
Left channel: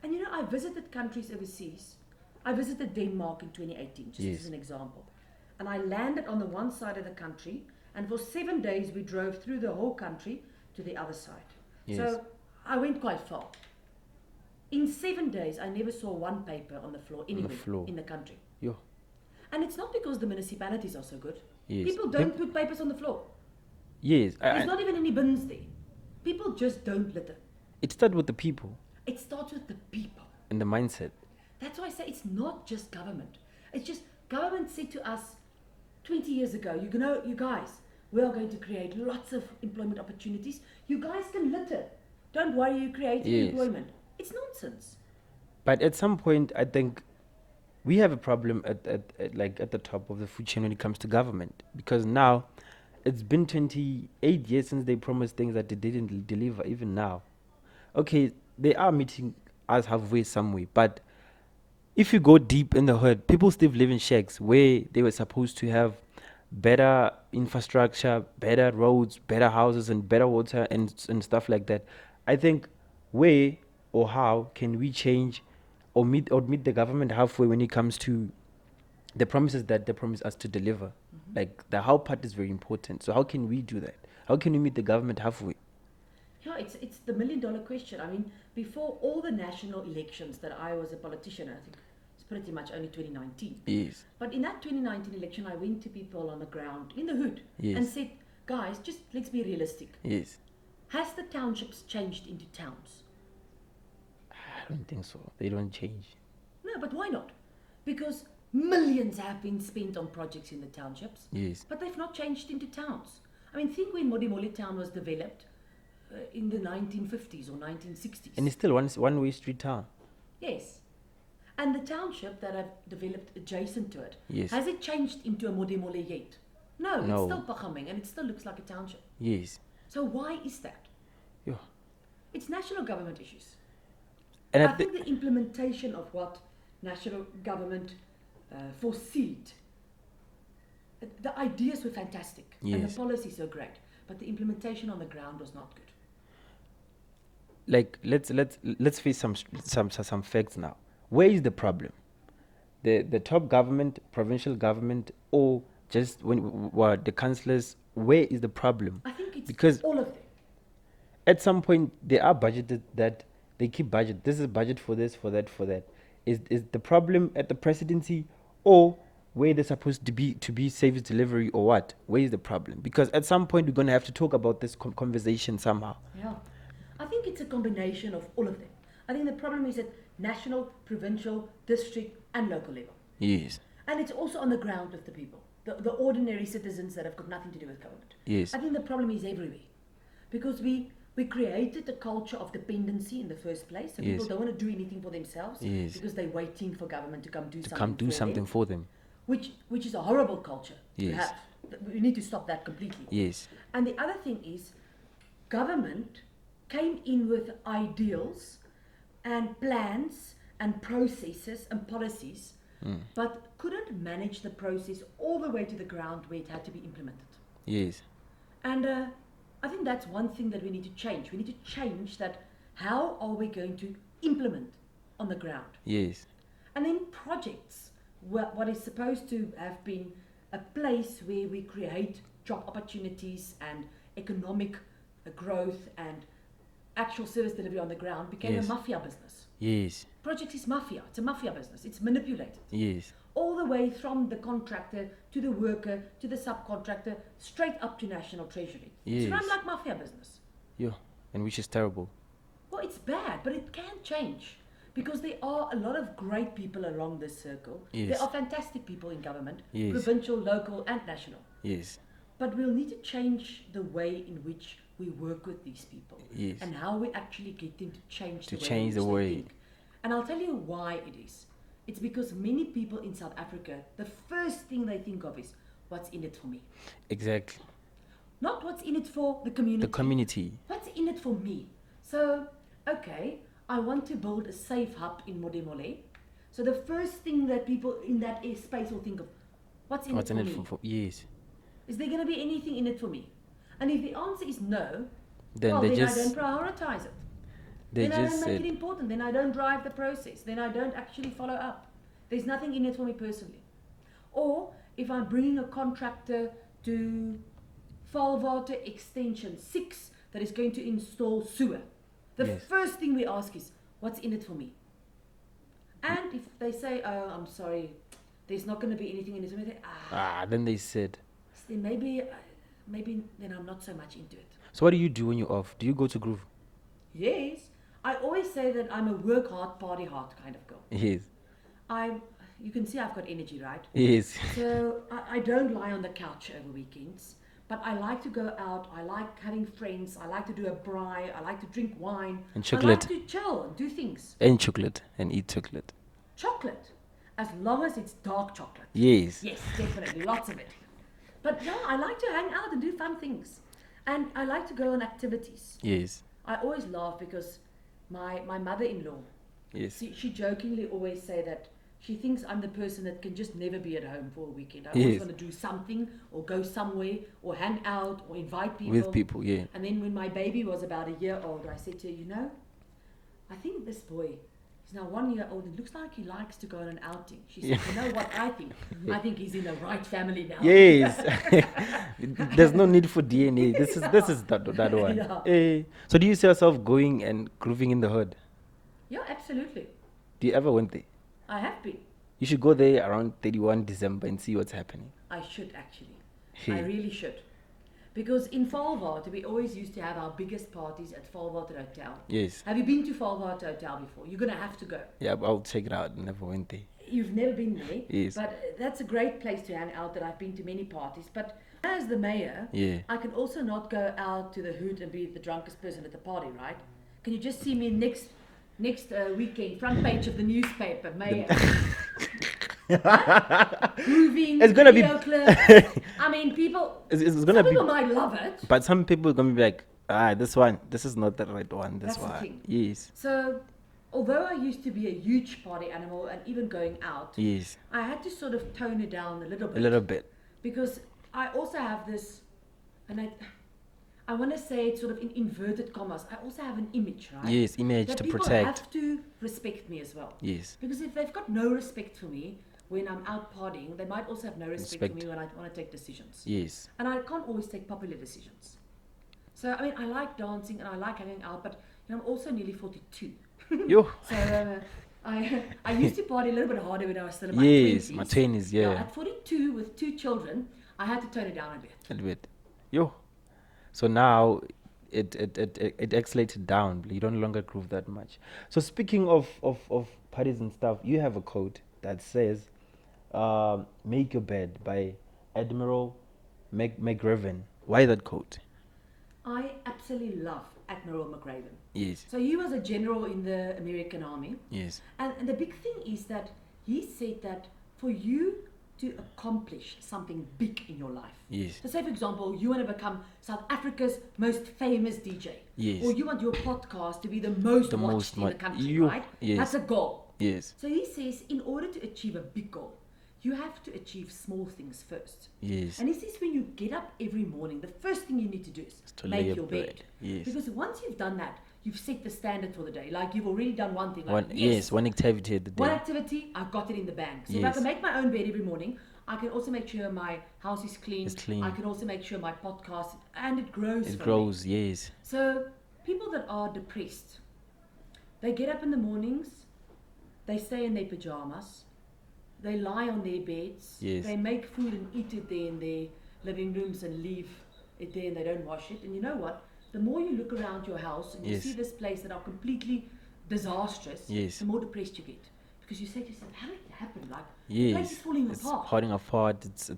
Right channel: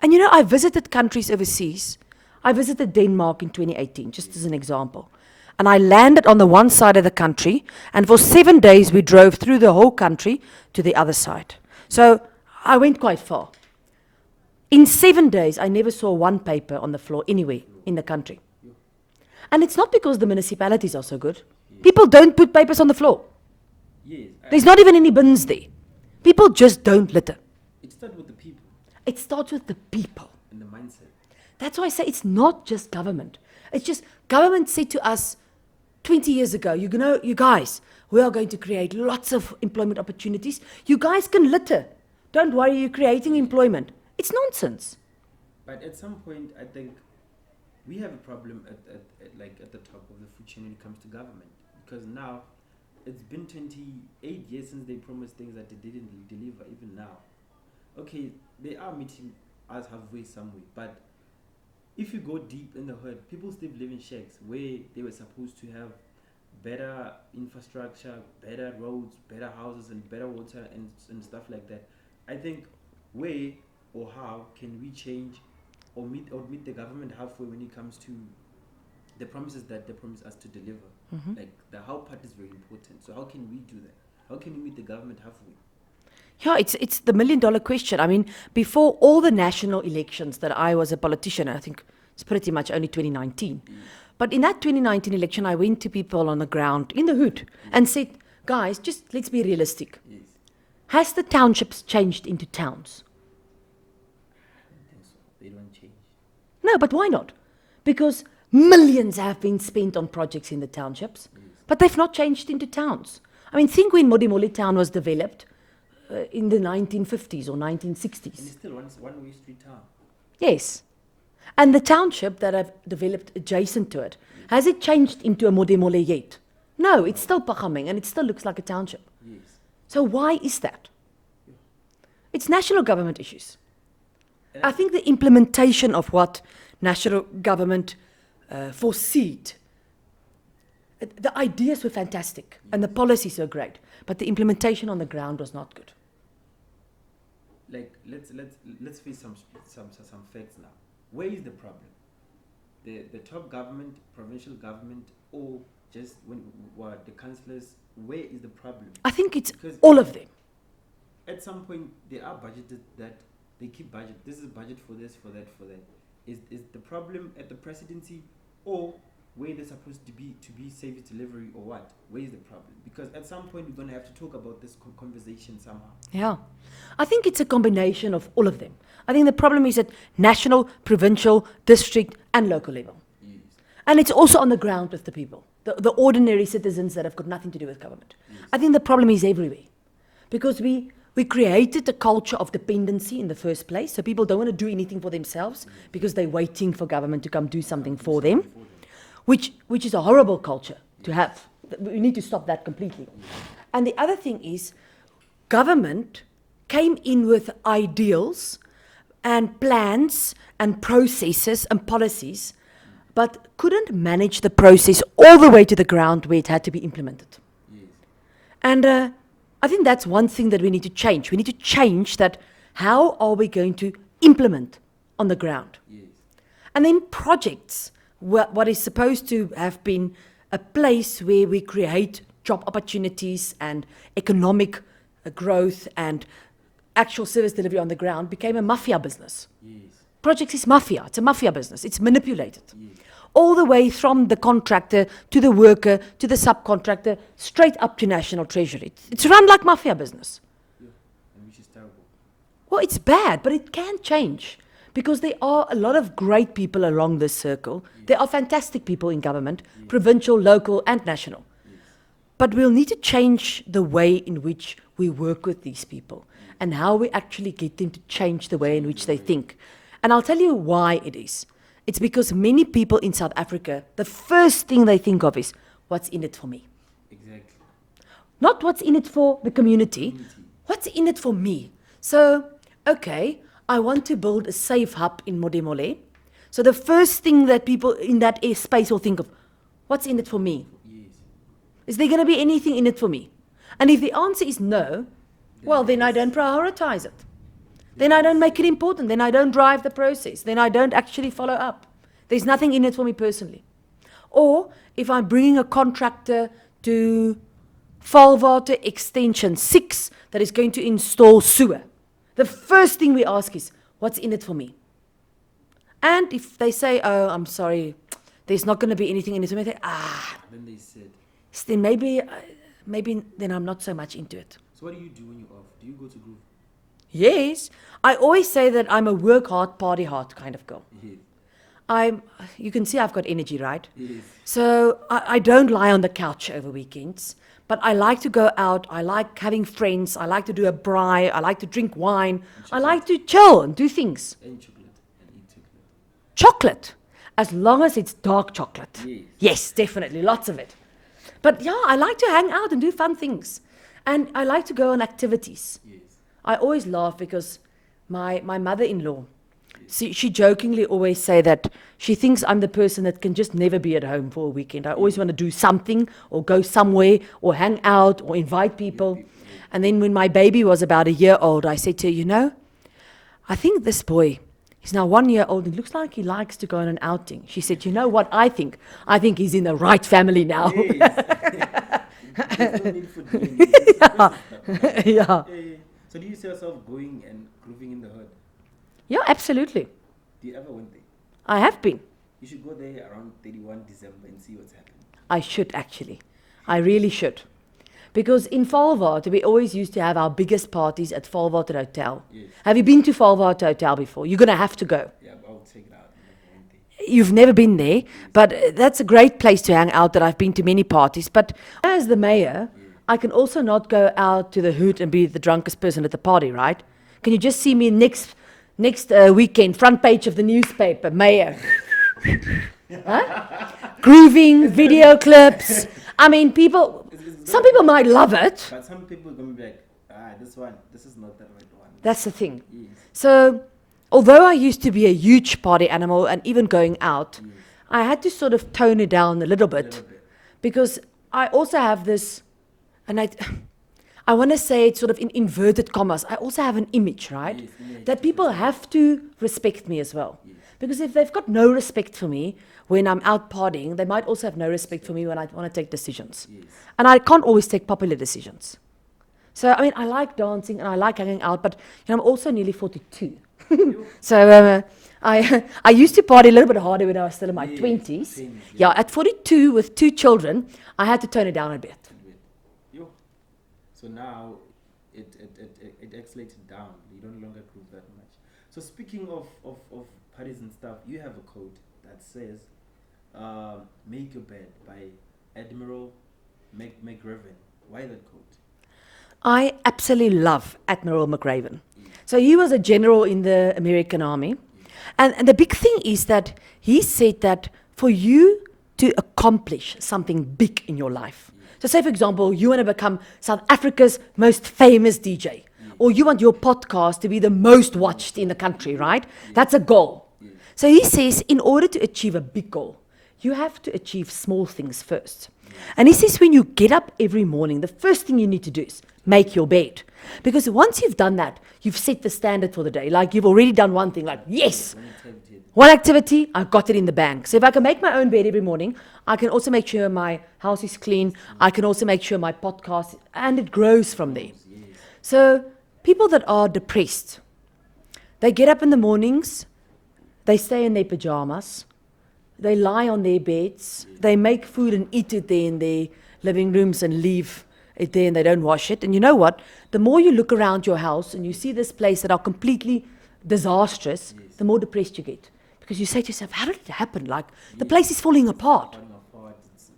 And I visited countries overseas. I visited Denmark in 2018, just as an example. And I landed on the one side of the country, and for 7 days we drove through the whole country to the other side. Yes. So I went quite far. In 7 days, I never saw one paper on the floor anywhere in the country. Yo. And it's not because the municipalities are so good. Yes. People don't put papers on the floor. Yes. There's not even any bins there. People just don't litter. It starts with the people It starts with the people. and the mindset. That's why I say it's not just government. It's just government said to us 20 years ago, you guys, we are going to create lots of employment opportunities. You guys can litter. Don't worry, you're creating employment. It's nonsense. But at some point, I think we have a problem at the top of the food chain when it comes to government. Because now, it's been 28 years since they promised things that they didn't deliver, even now. Okay, they are meeting us halfway somewhere. But if you go deep in the hood, people still live in shacks where they were supposed to have better infrastructure, better roads, better houses, and better water and stuff like that. I think where or how can we change or meet the government halfway when it comes to the promises that they promise us to deliver? Like the how part is very important. So how can we do that? How can we meet the government halfway? Yeah, it's the $1 million question. I mean, before all the national elections that I was a politician, I think it's pretty much only 2019. Yes. But in that 2019 election, I went to people on the ground in the hood Yes. and said, guys, just let's be realistic. Yes. Has the townships changed into towns? I don't think so. They don't change. No, but why not? Because millions have been spent on projects in the townships, Yes. but they've not changed into towns. I mean, think when Modimolle town was developed in the 1950s or 1960s. And it's still one-way street town. Yes. And the township that have developed adjacent to it, Yes. has it changed into a Modimolle yet? No, it's No. still Pachameng and it still looks like a township. Yes. So why is that? Yeah. It's national government issues. And I think the implementation of what national government foreseed, the ideas were fantastic and the Yes. policies were great, but the implementation on the ground was not good. like let's face some facts now. Where is the problem? The top government, provincial government, or just what the councillors? Where is the problem? I think it's Because all of them. at some point they are budgeted that they keep budget. This is budget for this, for that, for that. Is the problem at the presidency or where they're supposed to be service delivery or what? Where is the problem? Because at some point we're going to have to talk about this conversation somehow. Yeah. I think it's a combination of all of them. I think the problem is at national, provincial, district, and local level. Yes. And it's also on the ground with the people, the ordinary citizens that have got nothing to do with government. Yes. I think the problem is everywhere. Because we created a culture of dependency in the first place, so people Yes. don't want to do anything for themselves Yes. because they're waiting for government to come do something do for something them, for them. which is a horrible culture to Yes. have. We need to stop that completely. Yes. And the other thing is, government came in with ideals and plans and processes and policies, but couldn't manage the process all the way to the ground where it had to be implemented. Yes. And I think that's one thing that we need to change. We need to change that. How are we going to implement on the ground? Yes. And then projects, what is supposed to have been a place where we create job opportunities and economic growth and actual service delivery on the ground, became a Yes. mafia business. Yes. Projects is mafia. It's a mafia business. It's manipulated. Yes. All the way from the contractor to the worker to the subcontractor, straight up to National Treasury. It's Yes. run like mafia business. Yeah. And which is terrible. Well, it's bad, but it can change because there are a lot of great people along this circle. Yes. There are fantastic people in government, Yes. provincial, local, and national. Yes. But we'll need to change the way in which we work with these people Yes. and how we actually get them to change the To way in change which the they way. think. And I'll tell you why it is. It's because many people in South Africa, the first thing they think of is, what's in it for me? Exactly. Not what's in it for the The community. community. What's in it for me? So, okay, I want to build a safe hub in Modimolle. So the first thing that people in that space will think of, what's in it What's for in me? Yes. Is there going to be anything in it for me? And if the answer is no, Then they then I just- don't prioritize it. They Then I just don't make say- it important. Then I don't drive the process. Then I don't actually follow up. There's nothing in it for me personally. Or if I'm bringing a contractor to Valwater Extension 6 that is going to install sewer, the first thing we ask is, what's in it for me? And if they say, oh, I'm sorry, there's not going to be anything in it for me, they, Then they said. then maybe then I'm not so much into it. So what do you do when you're off? Do you go to groove? Yes, I always say that I'm a work hard, party hard kind of girl. Yes. You can see I've got energy, right? Yes. So I don't lie on the couch over weekends, but I like to go out. I like having friends. I like to do a braai. I like to drink wine. And I like chocolate. to chill and do things. And chocolate. And eat chocolate. Chocolate, as long as it's dark chocolate. Yes. Yes, definitely, lots of it. But yeah, I like to hang out and do fun things. And I like to go on activities. Yes. I always laugh because my mother-in-law, Yes. she jokingly always say that she thinks I'm the person that can just never be at home for a weekend. I always Yes. want to do something or go somewhere or hang out or invite people. With people, yeah. And then when my baby was about a year old, I said to her, you know, I think this boy, he's now 1 year old. It looks like he likes to go on an outing. She said, you know what I think? I think he's in the right family now. Yes. There's no need for DNA. This is that one. Yeah. So do you see yourself going and grooving in the hood? Yeah, absolutely. Do you ever went there? I have been. You should go there around 31 December and see what's happening. I should actually. I Should. really should. Because in Valwater, we always used to have our biggest parties at Valwater Hotel. Yes. Have you been to Valwater Hotel before? You're going to have to go. Yeah, I'll check it out. Never went there. You've never been there, Yes. but that's a great place to hang out that I've been to many parties. But as the mayor, Yeah. I can also not go out to the hood and be the drunkest person at the party, right? Can you just see me next weekend, front page of the newspaper, mayor? Huh? Grooving, It's gonna video clips. I mean, people, It's gonna some be- people might love it. But some people are going to be like, this is not the right one. this That's the one." thing. Yes. So, although I used to be a huge party animal and even going out, Yes. I had to sort of tone it down a little A bit. little bit. Because I also have this, and I want to say it sort of in inverted commas, I also have an image, right? Yes, image That to people protect. have to respect me as well. Yes. Because if they've got no respect for me when I'm out partying, they might also have no respect for Respect. me when I want to take decisions. Yes. And I can't always take popular decisions. So, I mean, I like dancing and I like hanging out, but you know, I'm also nearly 42. Yo. So I used to party a little bit harder when I was still in my Yes, 20s. my 20s, Yeah, yeah. at 42 with 2 children, I had to tone it down a bit. A little bit. Yo. So now it escalated down. You don't longer groove that much. So speaking of parties and stuff, you have a quote that says, "Make your bed" by Admiral McGraven. Why that quote? I absolutely love Admiral McRaven. Yes. So he was a general in the American Army. Yes. And the big thing is that he said that for you to accomplish something big in your life. Yes. So say, for example, you want to become South Africa's most famous DJ. Yes. Or you want your podcast to be the most The watched most in the watched. country, You- right? yes. That's a goal. Yes. So he says, in order to achieve a big goal, you have to achieve small things first. Yes. And he says, when you get up every morning, the first thing you need to do is To make lay your your bed. bed. Yes. Because once you've done that, you've set the standard for the day. Like you've already done one thing, like, One, yes, one activity. At the one activity, I've got it in the bank. So if I Yes. can make my own bed every morning, I can also make sure my house is clean. It's clean. I can also make sure my podcast, and it grows it from there. grows, yes. So people that are depressed, they get up in the mornings, they stay in their pajamas, they lie on their beds, Yes. they make food and eat it there in their living rooms and leave it there and they don't wash it. And you know what? The more you look around your house and you Yes. see this place that are completely disastrous, Yes. the more depressed you get. Because you say to yourself, how did it happen? Like, the Yes. place is falling It's apart. falling apart. It's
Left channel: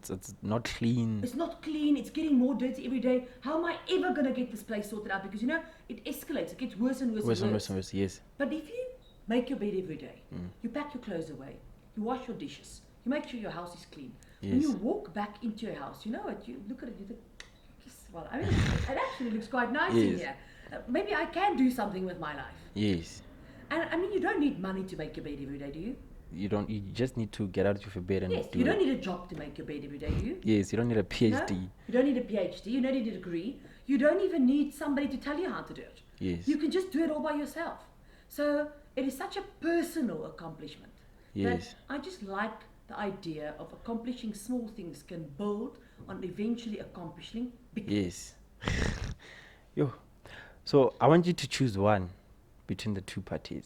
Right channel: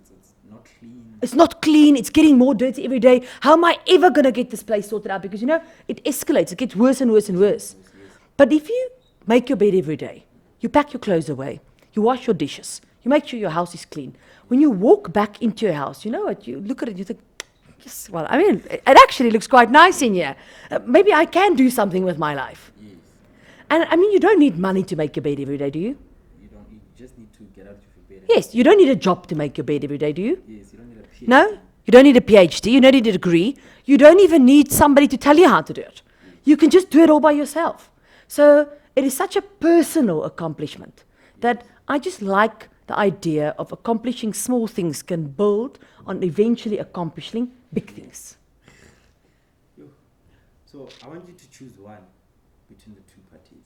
not clean. It's not clean. It's getting more dirty every day. How am I ever going to get this place sorted out? Because, you know, it escalates. It gets worse and worse, and worse. and worse, yes. But if you make your bed every day, you pack your clothes away, you wash your dishes, you make sure your house is clean. When you Yes. walk back into your house, you know what? You look at it, you think, yes, well, I mean, it actually looks quite nice in here. Maybe I can do something with my life. Yes. And I mean, you don't need money to make your bed every day, do you? You don't. You just need to get out of your bed. And Yes, you don't need a job to make your bed every day, do you? Yes, you don't need a PhD. No, you don't need a PhD. You don't need a degree. You don't even need somebody to tell you how to do it. Yes. You can just do it all by yourself. So it is such a personal accomplishment that Yes. I just like the idea of accomplishing small things can build on eventually accomplishing big things. Yes. Yo. So I want you to choose one between the two parties.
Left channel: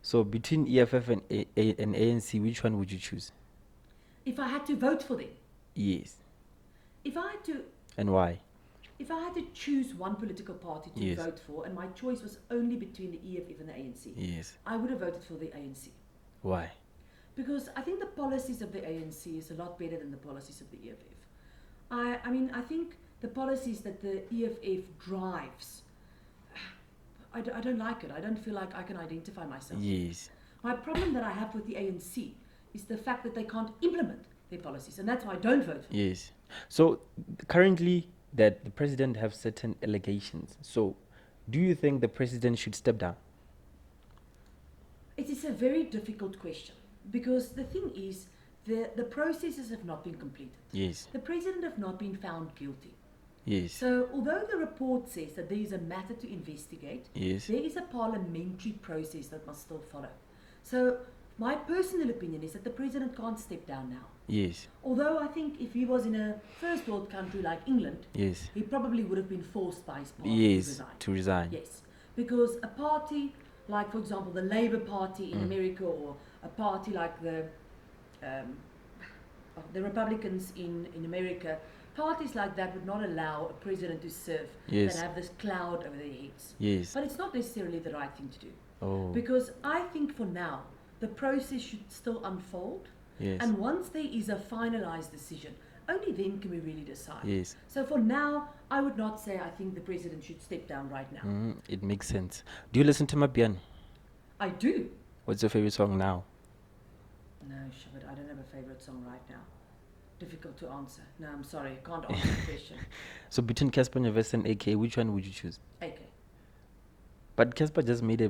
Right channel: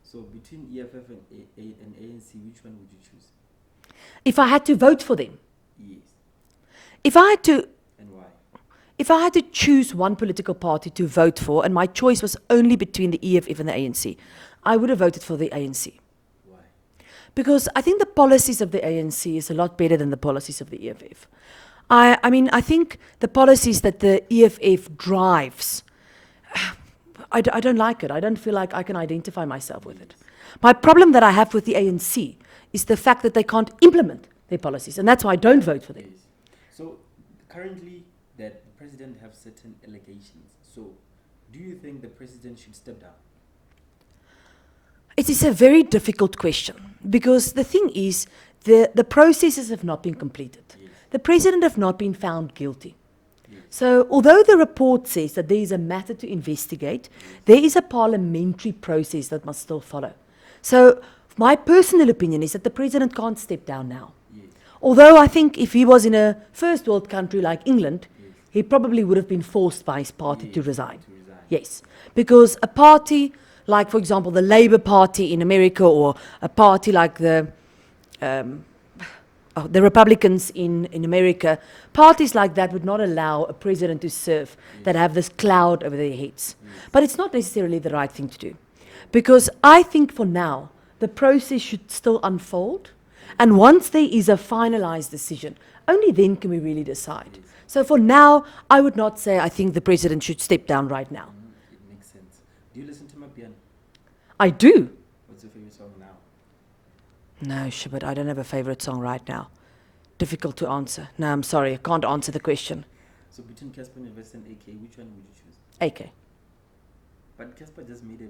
So between EFF and and ANC, which one would you choose? If I had to vote for them, Yes. if I had to And why? If I had to choose one political party to Yes. vote for, and my choice was only between the EFF and the ANC, Yes. I would have voted for the ANC. Why? Because I think the policies of the ANC is a lot better than the policies of the EFF. I mean, I think the policies that the EFF drives, I don't like it. I don't feel like I can identify myself with it. Yes. My problem that I have with the ANC is the fact that they can't implement their policies, and that's why I don't vote for them. Yes. So currently, that the president have certain allegations. So, do you think the president should step down? It is a very difficult question because the thing is, the processes have not been completed. Yes. The president have not been found guilty. Yes. So, although the report says that there is a matter to investigate, Yes. there is a parliamentary process that must still follow. So, my personal opinion is that the president can't step down now. Yes. Although I think if he was in a first world country like England, Yes. he probably would have been forced by his party to Yes, resign. To resign. Yes, because a party like, for example, the Labour Party in America, or a party like the Republicans in America, parties like that would not allow a president to serve Yes. that have this cloud over their heads. Yes. But it's not necessarily the right thing to do. Oh. Because I think for now, the process should still unfold. Yes. And once there is a finalized decision, only then can we really decide. Yes. So for now, I would not say I think the president should step down right now. It makes sense. Do you listen to Mapiano? I do. What's your favorite song now? No, but I don't have a favorite song right now. Difficult to answer. No, I'm sorry, I can't answer the question. So between Casper Nyovest and AK, which one would you choose? AK. But Casper just made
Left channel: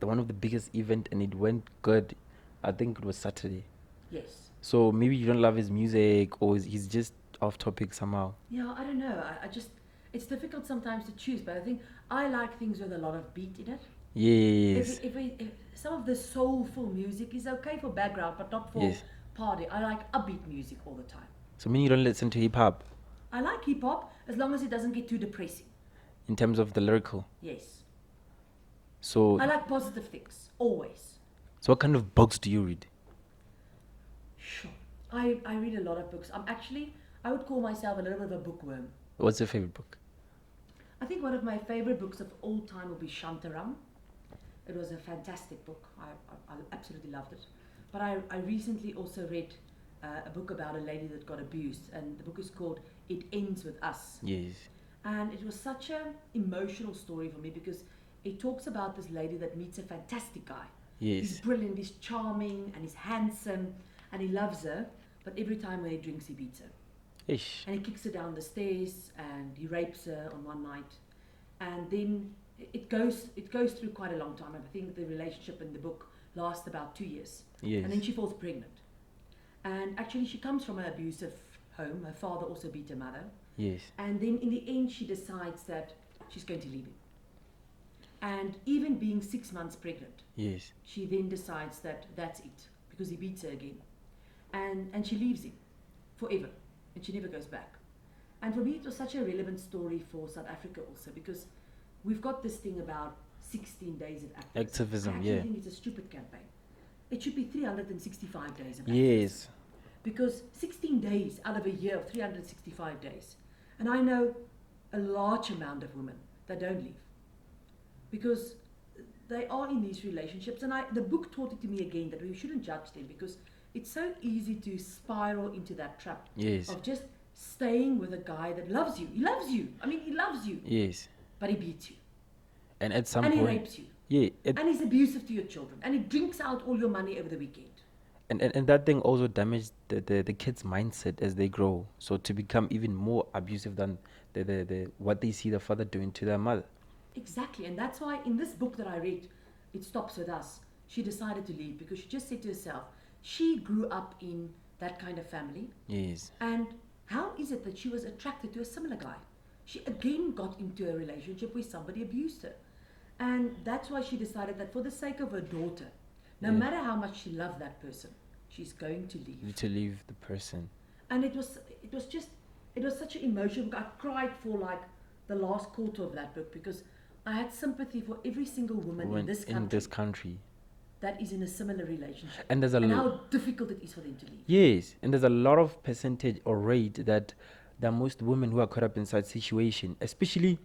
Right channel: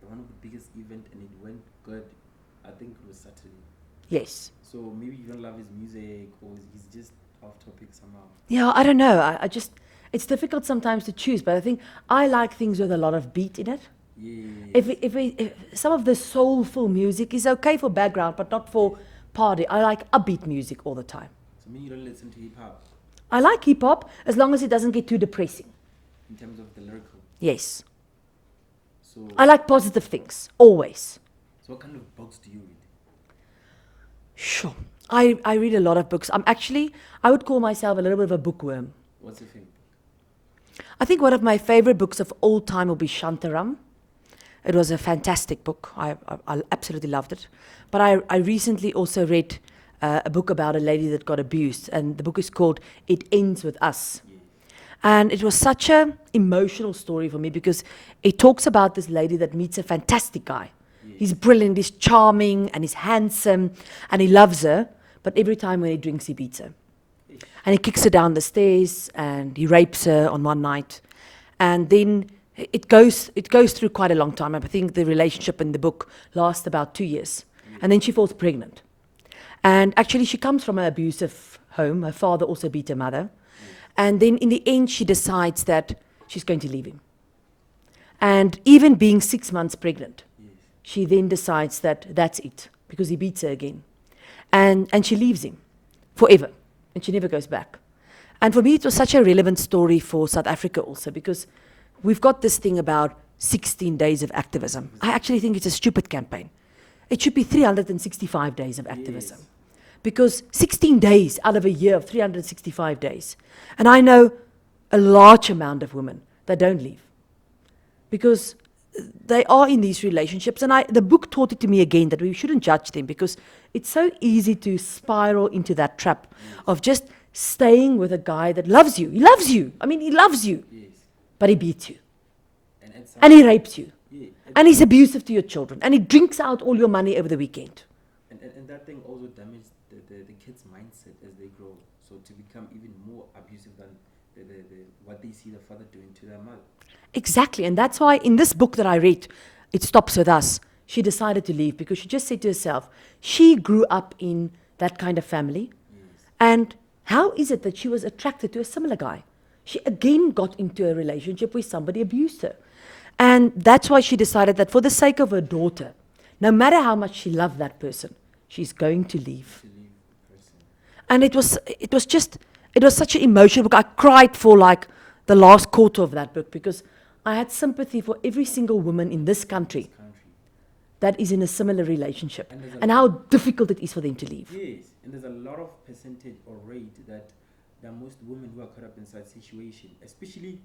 one of the biggest event, and it went good. I think it was Saturday. Yes. So maybe you don't love his music, or he's just off topic somehow. Yeah, I don't know. I just, it's difficult sometimes to choose, but I think I like things with a lot of beat in it. Yes. If some of the soulful music is okay for background, but not for Yes. party. I like upbeat music all the time. So meaning you don't listen to hip hop I like hip hop as long as it doesn't get too depressing. in terms of the lyrical. Yes. So I like positive things, always. so what kind of books do you read? Sure. I read a lot of books. I would call myself a little bit of a bookworm. What's your favorite book? I think one of my favorite books of all time will be Shantaram. It was a fantastic book. I absolutely loved it. But I recently also read a book about a lady that got abused, and the book is called It Ends With Us. Yes. And it was such an emotional story for me because it talks about this lady that meets a fantastic guy. Yes. He's brilliant, he's charming, and he's handsome, and he loves her. But every time when he drinks, he beats her. Ish. And he kicks her down the stairs, and he rapes her on one night. And then it goes through quite a long time. I think the relationship in the book lasts about 2 years. Yes. And then she falls pregnant. And actually, she comes from an abusive home. Her father also beat her mother. Yes. And then in the end, she decides that she's going to leave him. And even being 6 months pregnant, Yes. she then decides that that's it, because he beats her again. And she leaves him forever, and she never goes back. And for me, it was such a relevant story for South Africa also, because we've got this thing about 16 days of activism. Activism, I actually yeah. think it's a stupid campaign. It should be 365 days of activism. Yes. Because 16 days out of a year of 365 days. And I know a large amount of women that don't leave. Because they are in these relationships. And the book taught it to me again that we shouldn't judge them, because it's so easy to spiral into that trap Yes. of just staying with a guy that loves you. He loves you. I mean, he loves you. Yes. But he beats you. And at some And he point- rapes you. Yeah. And he's abusive to your children. And he drinks out all your money over the weekend. And that thing also damaged the kids' mindset as they grow. So to become even more abusive than the what they see the father doing to their mother. Exactly. And that's why in this book that I read, It Stops With Us, she decided to leave because she just said to herself, she grew up in that kind of family. Yes. And how is it that she was attracted to a similar guy? She again got into a relationship where somebody abused her. And that's why she decided that for the sake of her daughter, no matter how much she loved that person, she's going to leave. To leave the person. And it was such an emotional book. I cried for like the last quarter of that book because I had sympathy for every single woman in this country that is in a similar relationship, And there's and how difficult it is for them to leave. Yes, and there's a lot of percentage or rate that most women who are caught up in such situation, especially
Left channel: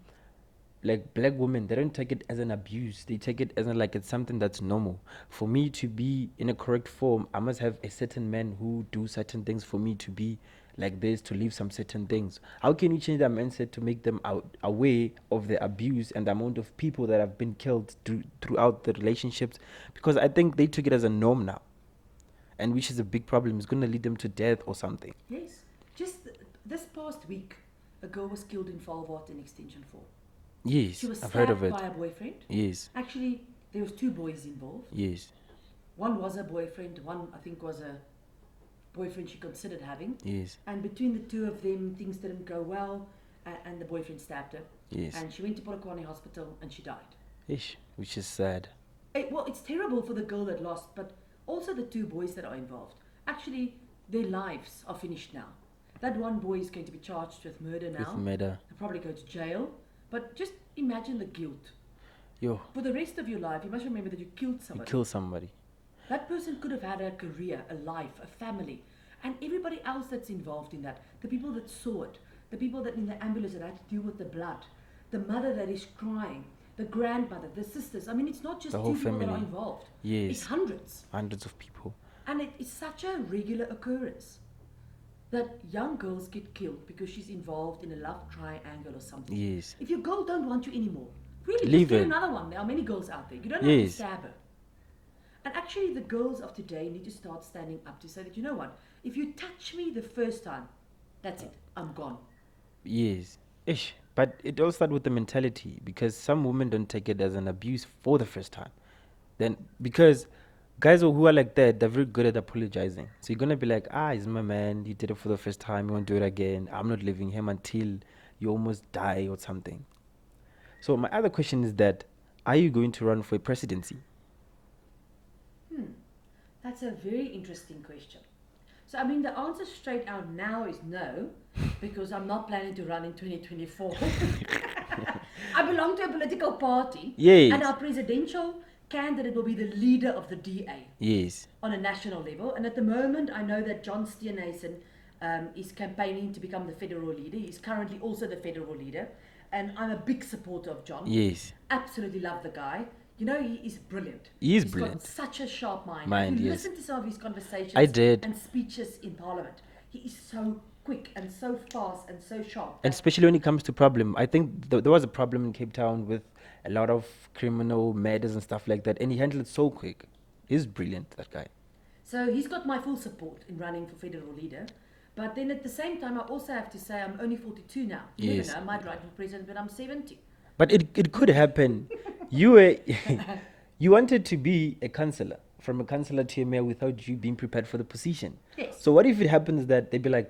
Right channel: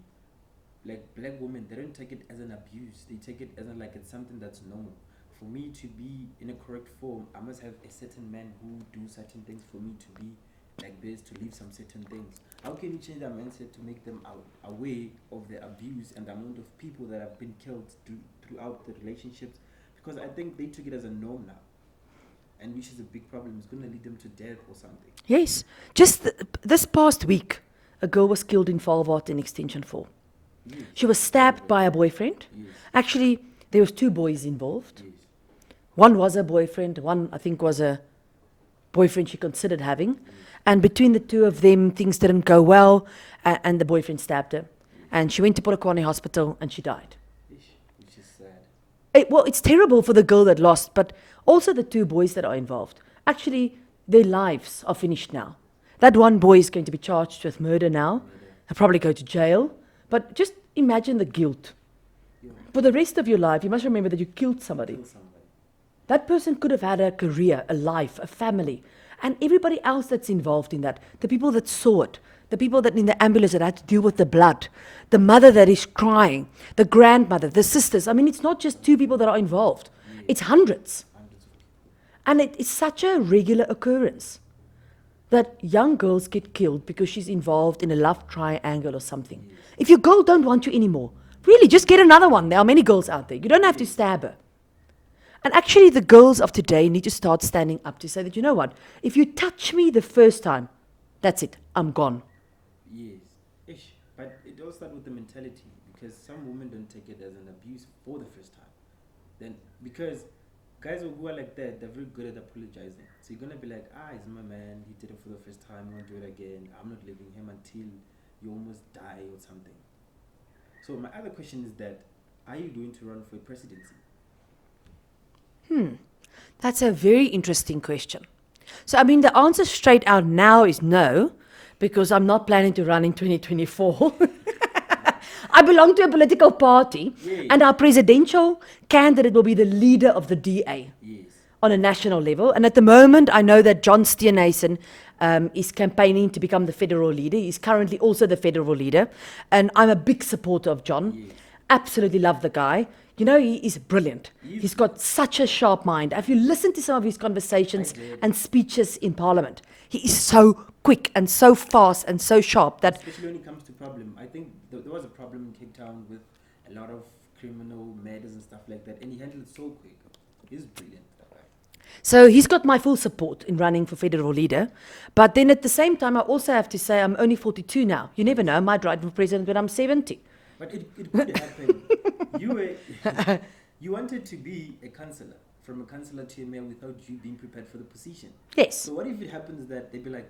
like black women, they don't take it as an abuse. They take it as like it's something that's normal. For me to be in a correct form, I must have a certain man who do certain things for me to be like this, to leave some certain things. How can you change their mindset to make them aware of the abuse and the amount of people that have been killed throughout the relationships? Because I think they took it as a norm now, and which is a big problem. It's going to lead them to death or something. Yes. Just this past week, a girl was killed in Valwart in Extension 4. Yes. She was I've heard of stabbed it. by a boyfriend. Yes. Actually, there was 2 boys involved. Yes. One was a boyfriend, one I think was a boyfriend she considered having. Yes. And between the two of them, things didn't go well, and the boyfriend stabbed her. Yes. And she went to Polokwane Hospital and she died. Ish, which is sad. Well, it's terrible for the girl that lost, but also the two boys that are involved. Actually, their lives are finished now. That one boy is going to be charged with murder now. Murder. He'll probably go to jail. But just imagine the guilt. Yo, For the rest of your life, you must remember that you killed somebody. kill somebody. That person could have had a career, a life, a family, and everybody else that's involved in that. The people that saw it, the people that in the ambulance that had to deal with the blood, the mother that is crying, the grandmother, the sisters. I mean, it's not just The two whole people that are family. involved. Yes. It's hundreds. Hundreds of people. And it's such a regular occurrence that young girls get killed because she's involved in a love triangle or something. Yes. If your girl don't want you anymore, really, just Leave get her. another one. There are many girls out there. You don't have to Yes. stab her. And actually, the girls of today need to start standing up to say that, you know what, if you touch me the first time, that's it, I'm gone. Yes. Ish. But it all starts with the mentality, because some women don't take it as an abuse for the first time. Then, because guys who are like that, they're very good at apologizing. So you're going to be like, he's my man. He did it for the first time. He won't do it again. I'm not leaving him until you almost die or something. So my other question is that, are you going to run for a presidency? That's a very interesting question. So, I mean, the answer straight out now is no, because I'm not planning to run in 2024. I belong to a political party, Yay. and our presidential candidate will be the leader of the DA Yes. on a national level. And at the moment, I know that John Steenhuisen is campaigning to become the federal leader. He's currently also the federal leader. And I'm a big supporter of John. Yes. Absolutely love the guy. You know, he is brilliant. He is He's brilliant. got such a sharp mind. And if you Mind, yes. listen to some of his conversations I did. and speeches in Parliament, he is so quick and so fast and so sharp that Especially when it comes to problem. I think there was a problem in Cape Town with a lot of criminal murders and stuff like that. And he handled it so quick. He's brilliant, that guy. So he's got my full support in running for federal leader. But then at the same time, I also have to say I'm only 42 now. You never Yes. know, I might run for president when I'm 70. But it could happen. You were you wanted to be a councillor, from a councillor to a mayor, without you being prepared for the position. Yes. So what if it happens that they'd be like,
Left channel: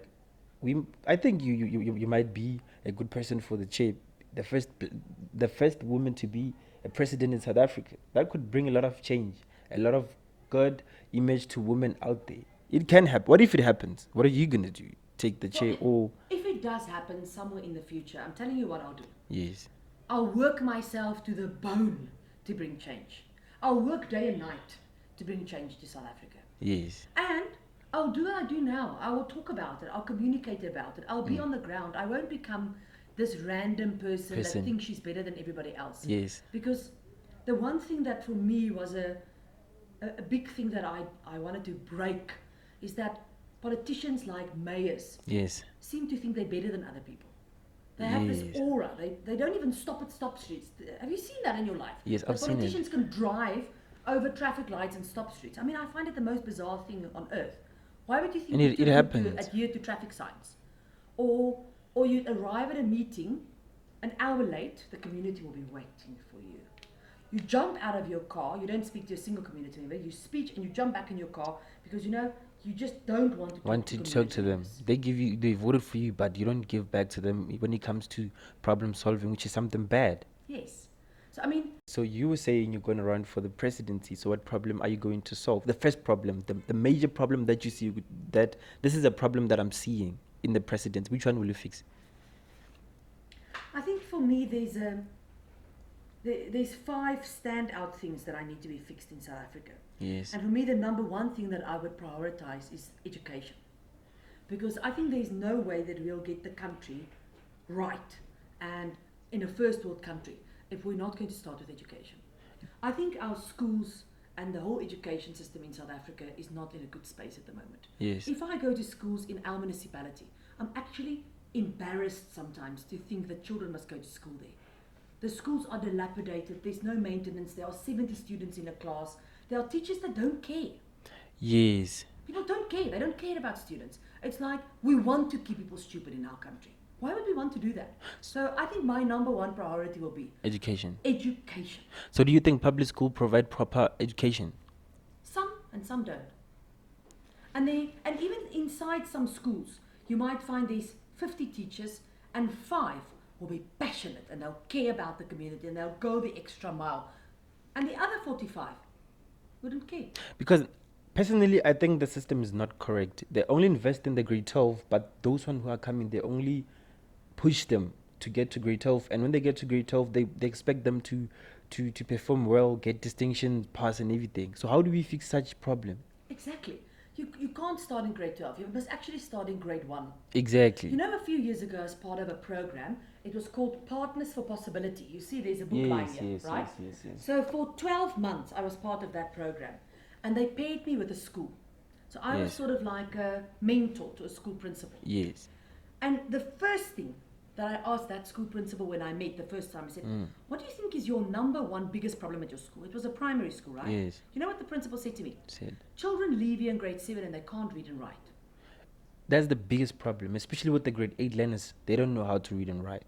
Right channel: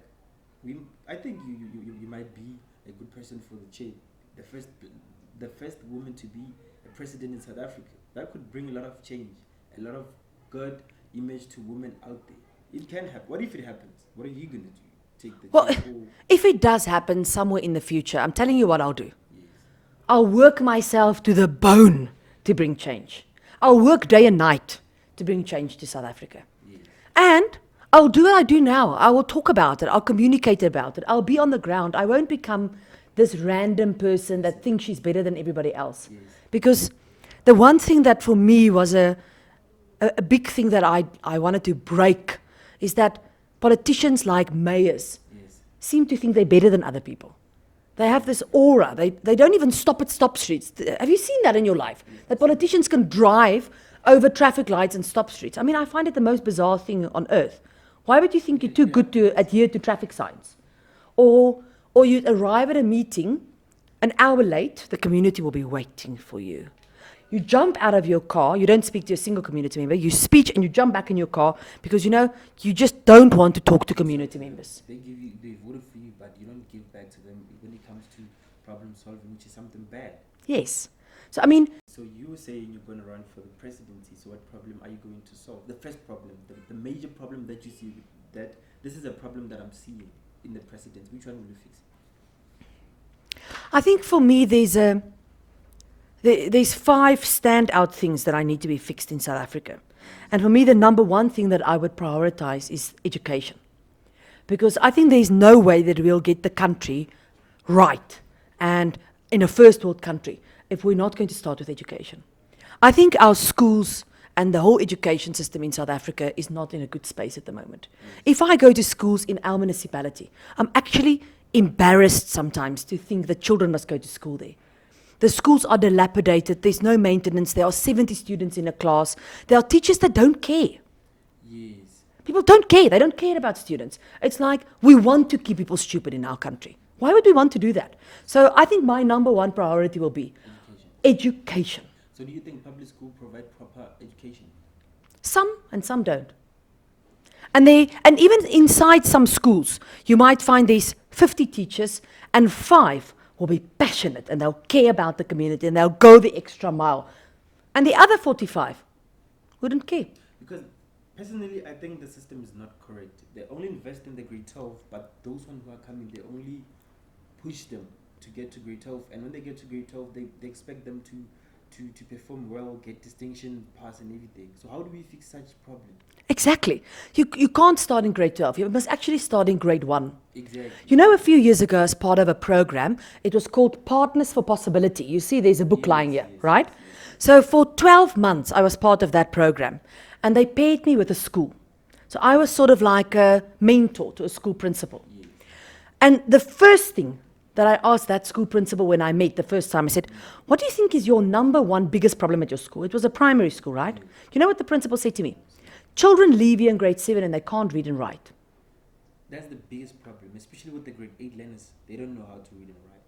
I think you might be a good person for the chair, the first woman to be a president in South Africa. That could bring a lot of change, a lot of good image to women out there. It can happen. What if it happens? What are you gonna do? Take the chair? Or If it does happen somewhere in the future, I'm telling you what I'll do. yes, I'll work myself to the bone to bring change. I'll work day and night to bring change to South Africa. yes, And I'll do what I do now. I will talk about it. I'll communicate about it. I'll be on the ground. I won't become this random person that thinks she's better than everybody else. yes, Because the one thing that for me was a big thing that I wanted to break is that politicians like mayors yes. seem to think they're better than other people. They have this aura. They don't even stop at stop streets. Have you seen that in your life? Yes, That I've seen it. politicians can drive over traffic lights and stop streets. I mean, I find it the most bizarre thing on earth. Why would you think And you're it- too it good to happens. adhere to traffic signs? Or you arrive at a meeting an hour late, the community will be waiting for you. You jump out of your car, you don't speak to a single community member, you speak and you jump back in your car because you just don't want to talk to Reach out community them. members. They voted for you, but you don't give back to them when it comes to problem solving, which is something bad. Yes. So, I mean, So you were saying you're going to run for the presidency. So what problem are you going to solve? The first problem, the major problem that you see, that this is a problem that I'm seeing in the presidency. Which one will you fix? I think for me, there's 5 standout things that I need to be fixed in South Africa. Yes. And for me, the number one thing that I would prioritize is education. Because I think there's no way that we'll get the country right and in a first world country if we're not going to start with education. I think our schools and the whole education system in South Africa is not in a good space at the moment. Yes. If I go to schools in our municipality, I'm actually embarrassed sometimes to think that children must go to school there. The schools are dilapidated, there's no maintenance, there are 70 students in a class, there are teachers that don't care. Yes. People don't care, they don't care about students. It's like, we want to keep people stupid in our country. Why would we want to do that? So I think my number one priority will be Education. education. So do you think public school provide proper education? Some and some don't. And even inside some schools, you might find there's 50 teachers and 5 will be passionate and they'll care about the community and they'll go the extra mile. And the other 45 wouldn't care. Because personally, I think the system is not correct. They only invest in the grade 12, but those ones who are coming, they only push them to get to grade 12. And when they get to grade 12, they expect them to perform well, get distinction, pass and everything. So how do we fix such problem? Exactly. You can't start in grade 12. You must actually start in grade 1. Exactly. You know, a few years ago, as part of a program, it was called Partners for Possibility. You see, there's a book lying here, right? Yes. So for 12 months, I was part of that program. And they paired me with a school. So I was sort of like a mentor to a school principal. Yes. And the first thing that I asked that school principal when I met the first time, I said, what do you think is your number one biggest problem at your school? It was a primary school, right? Yes. You know what the principal said to me? Same. Children leave here in grade 7 and they can't read and write. That's the biggest problem, especially with the grade 8 learners. They don't know how to read and write.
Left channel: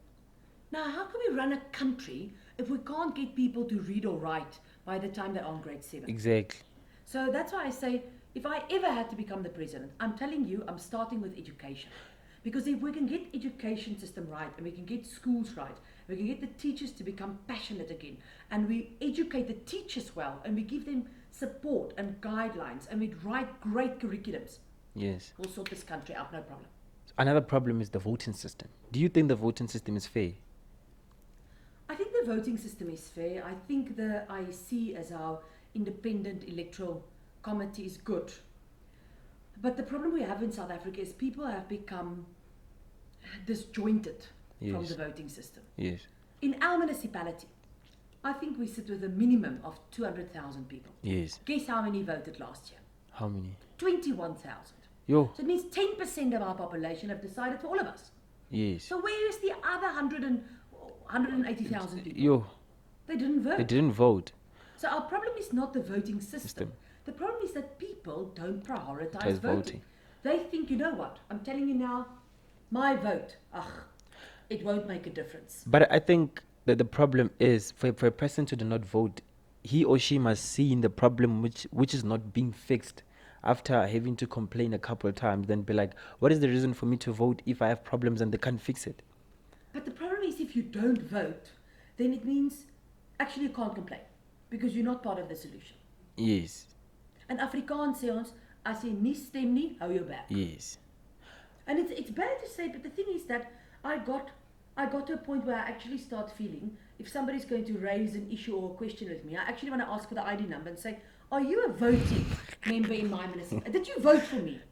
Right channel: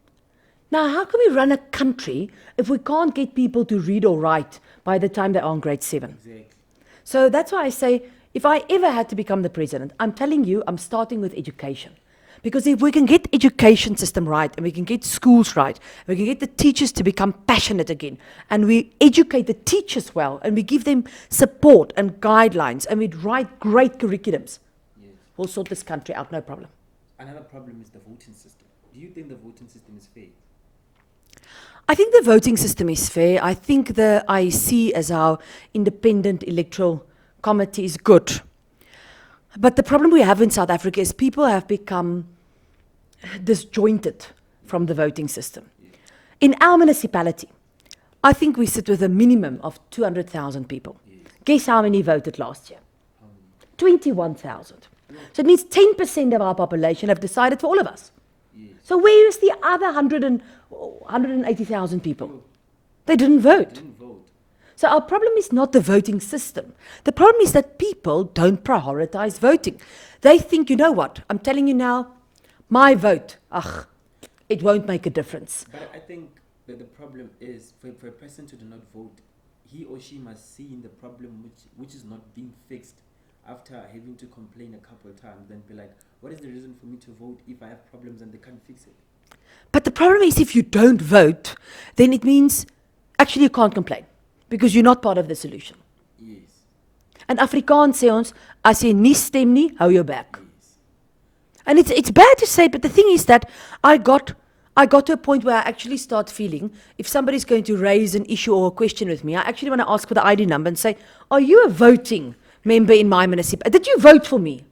Now, how can we run a country if we can't get people to read or write by the time they're on grade 7? Exactly. So that's why I say, if I ever had to become the president, I'm telling you, I'm starting with education. Because if we can get education system right, and we can get schools right, we can get the teachers to become passionate again, and we educate the teachers well, and we give them support and guidelines, and we write great curriculums, Yes. we'll sort this country out, no problem. Another problem is the voting system. Do you think the voting system is fair? I think the voting system is fair. I think the IEC as our independent electoral committee is good. But the problem we have in South Africa is people have become disjointed from Yes. the voting system. Yes. In our municipality, I think we sit with a minimum of 200,000 people. Yes. Guess how many voted last year? How many? 21,000. Yo. So it means 10% of our population have decided for all of us. Yes. So where is the other 180,000 people? Yo. They didn't They vote. didn't vote. So our problem is not the voting system. The problem is that people don't prioritize Yes, voting. voting. They think, you know what, I'm telling you now, my vote, it won't make a difference. But I think that the problem is for a person to do not vote, he or she must see in the problem which is not being fixed after having to complain a couple of times, then be like, what is the reason for me to vote if I have problems and they can't fix it? But the problem is if you don't vote, then it means actually you can't complain because you're not part of the solution. Yes. And Afrikaans sê ons, as jy nie stem nie, hou jou bek. Yes. And it's bad to say, but the thing is that I got to a point where I actually start feeling if somebody's going to raise an issue or a question with me, I actually want to ask for the ID number and say, are you a voting member in my municipality? Did you vote for me?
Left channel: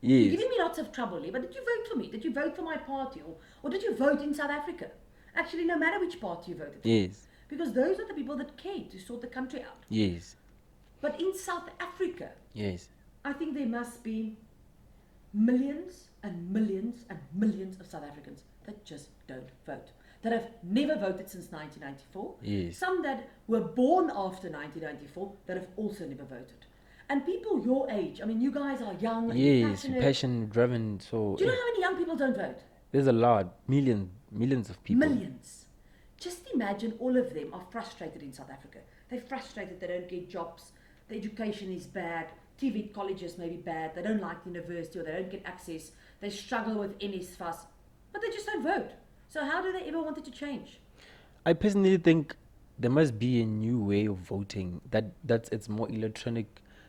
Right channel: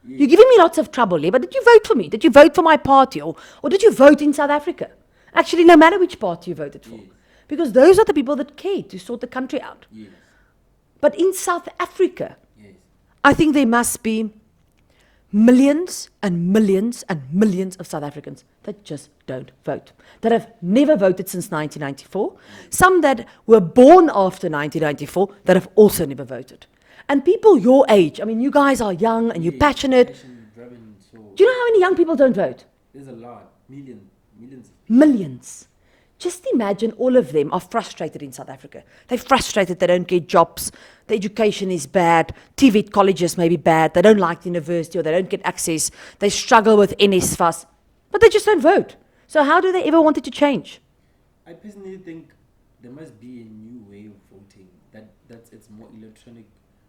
Yes. You're giving me lots of trouble here, but did you vote for me? Did you vote for my party? Or did you vote in South Africa? Actually, no matter which party you voted for. Yes. Because those are the people that care to sort the country out. Yes. But in South Africa, Yes. I think there must be millions and millions and millions of South Africans that just don't vote, that have never voted since 1994, Yes. some that were born after 1994 that have also never voted. And people your age, I mean, you guys are young and you're Yes, passionate. passion driven. So Do you know how many young people don't vote? there's a lot, millions of people. Millions. Just imagine all of them are frustrated in South Africa. They're frustrated they don't get jobs, the education is bad, TVET colleges may be bad, they don't like the university or they don't get access, they struggle with NSFAS, but they just don't vote. So how do they ever want it to change? I personally think there must be a new way of voting that's it's more electronic,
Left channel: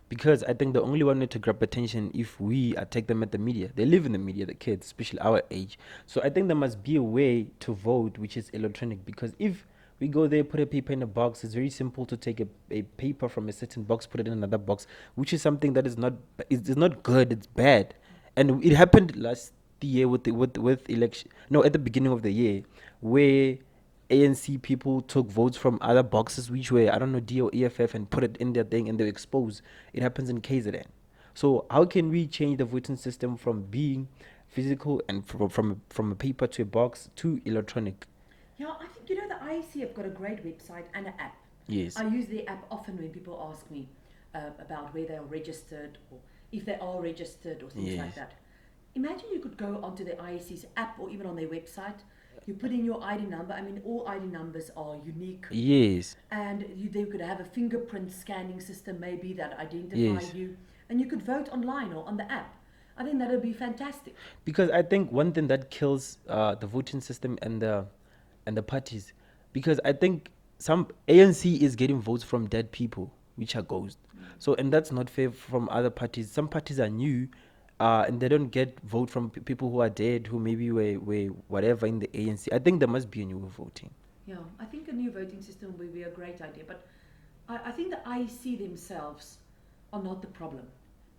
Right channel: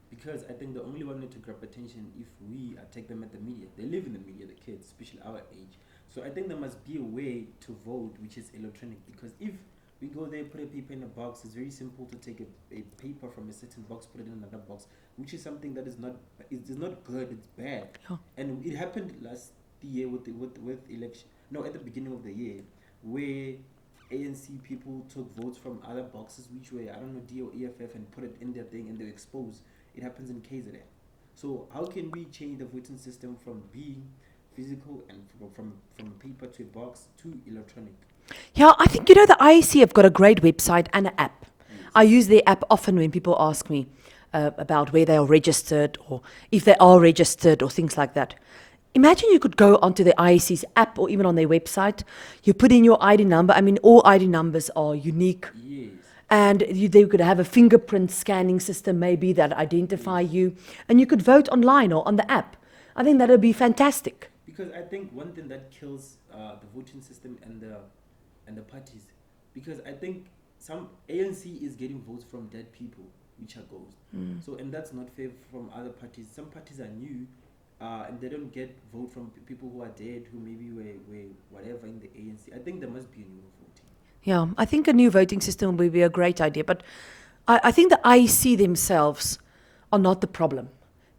because I think the only one way to grab attention if we attack them at the media. They live in the media, the kids, especially our age. So I think there must be a way to vote which is electronic, because if we go there, put a paper in a box, it's very simple to take a paper from a certain box, put it in another box, which is something that is not good, it's bad. Oh. And it happened last year with election, no, at the beginning of the year, where ANC people took votes from other boxes which were, I don't know, D or EFF, and put it in their thing and they were exposed. It happens in KZN. So how can we change the voting system from being physical and from a paper to a box to electronic? Yeah, I think, you know, the IEC have got a great website and an app. Yes. I use their app often when people ask me about where they are registered or if they are registered or things like that. Imagine you could go onto the IEC's app or even on their website. You put in your ID number. I mean, all ID numbers are unique. Yes. And they could have a fingerprint scanning system maybe that identify Yes. you. And you could vote online or on the app. I think that would be fantastic. Because I think one thing that kills the voting system and the parties, because I think some ANC is getting votes from dead people, which are ghosts. So, and that's not fair from other parties. Some parties are new, and they don't get vote from people who are dead, who maybe were whatever in the ANC. I think there must be a new voting. Yeah, I think a new voting system would be a great idea. But I think the IEC themselves are not the problem.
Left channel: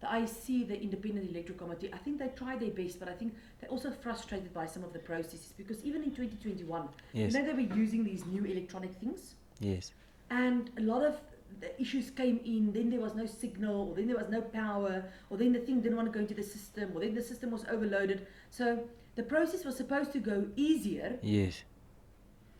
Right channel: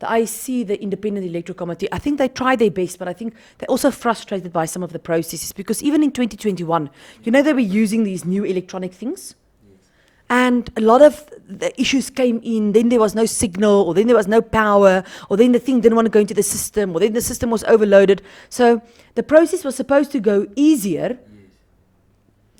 The IEC, the Independent Electoral Committee, I think they try their best, but I think they're also frustrated by some of the processes because even in 2021, you know, they were using these new electronic things. Yes. And a lot of the issues came in, then there was no signal, or then there was no power, or then the thing didn't want to go into the system, or then the system was overloaded. So the process was supposed to go easier, Yes.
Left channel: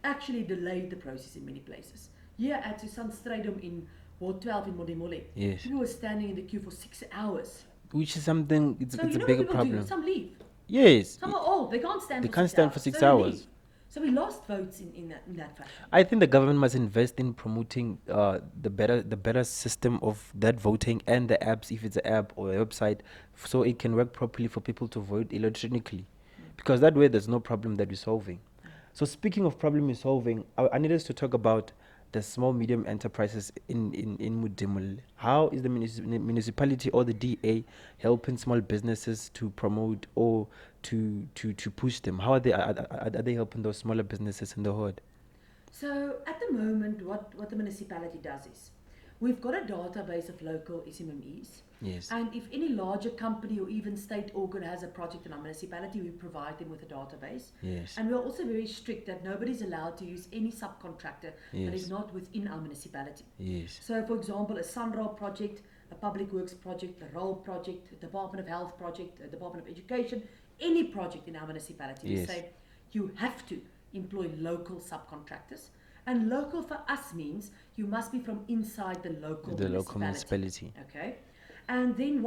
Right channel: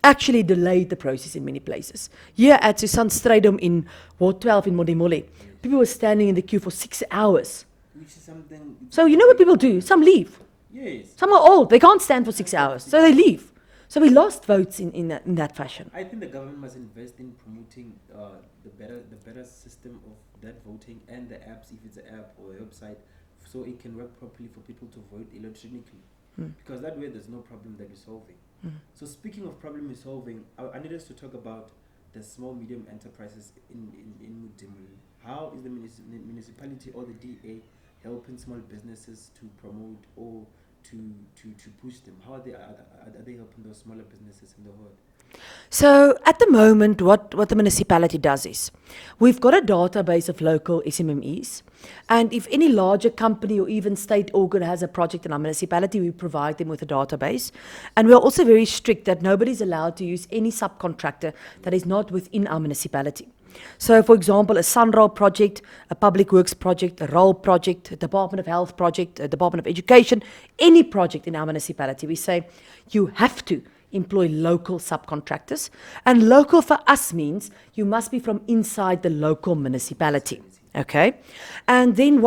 actually delayed the process in many places. Here at Susanstrydom in Ward 12 in Modimolle, Yes. people were standing in the queue for 6 hours. Which is something. So you know what people do? Some leave. Yes. Some are old. They can't stand They for can't 6 stand for hours. 6 So they hours. leave. So we lost votes in that fashion. I think the government must invest in promoting the better system of that voting and the apps, if it's an app or a website, so it can work properly for people to vote electronically. Because that way there's no problem that we're solving. So speaking of problem solving, I need us to talk about the small medium enterprises in Modimolle. How is the municipality or the DA helping small businesses to promote or to push them? How are they helping those smaller businesses in the hood? So at the moment, what the municipality does is, we've got a database of local SMMEs, Yes. and if any larger company or even state organ has a project in our municipality, we provide them with a database. And we're also very strict that nobody's allowed to use any subcontractor that is Yes. not within our municipality. Yes. So for example, a Sunrail project, a public works project, a rail project, a Department of Health project, a Department of Education, any project in our municipality, we Yes. say you have to employ local subcontractors. And local for us means you must be from inside the local The local municipality. municipality. Okay? And then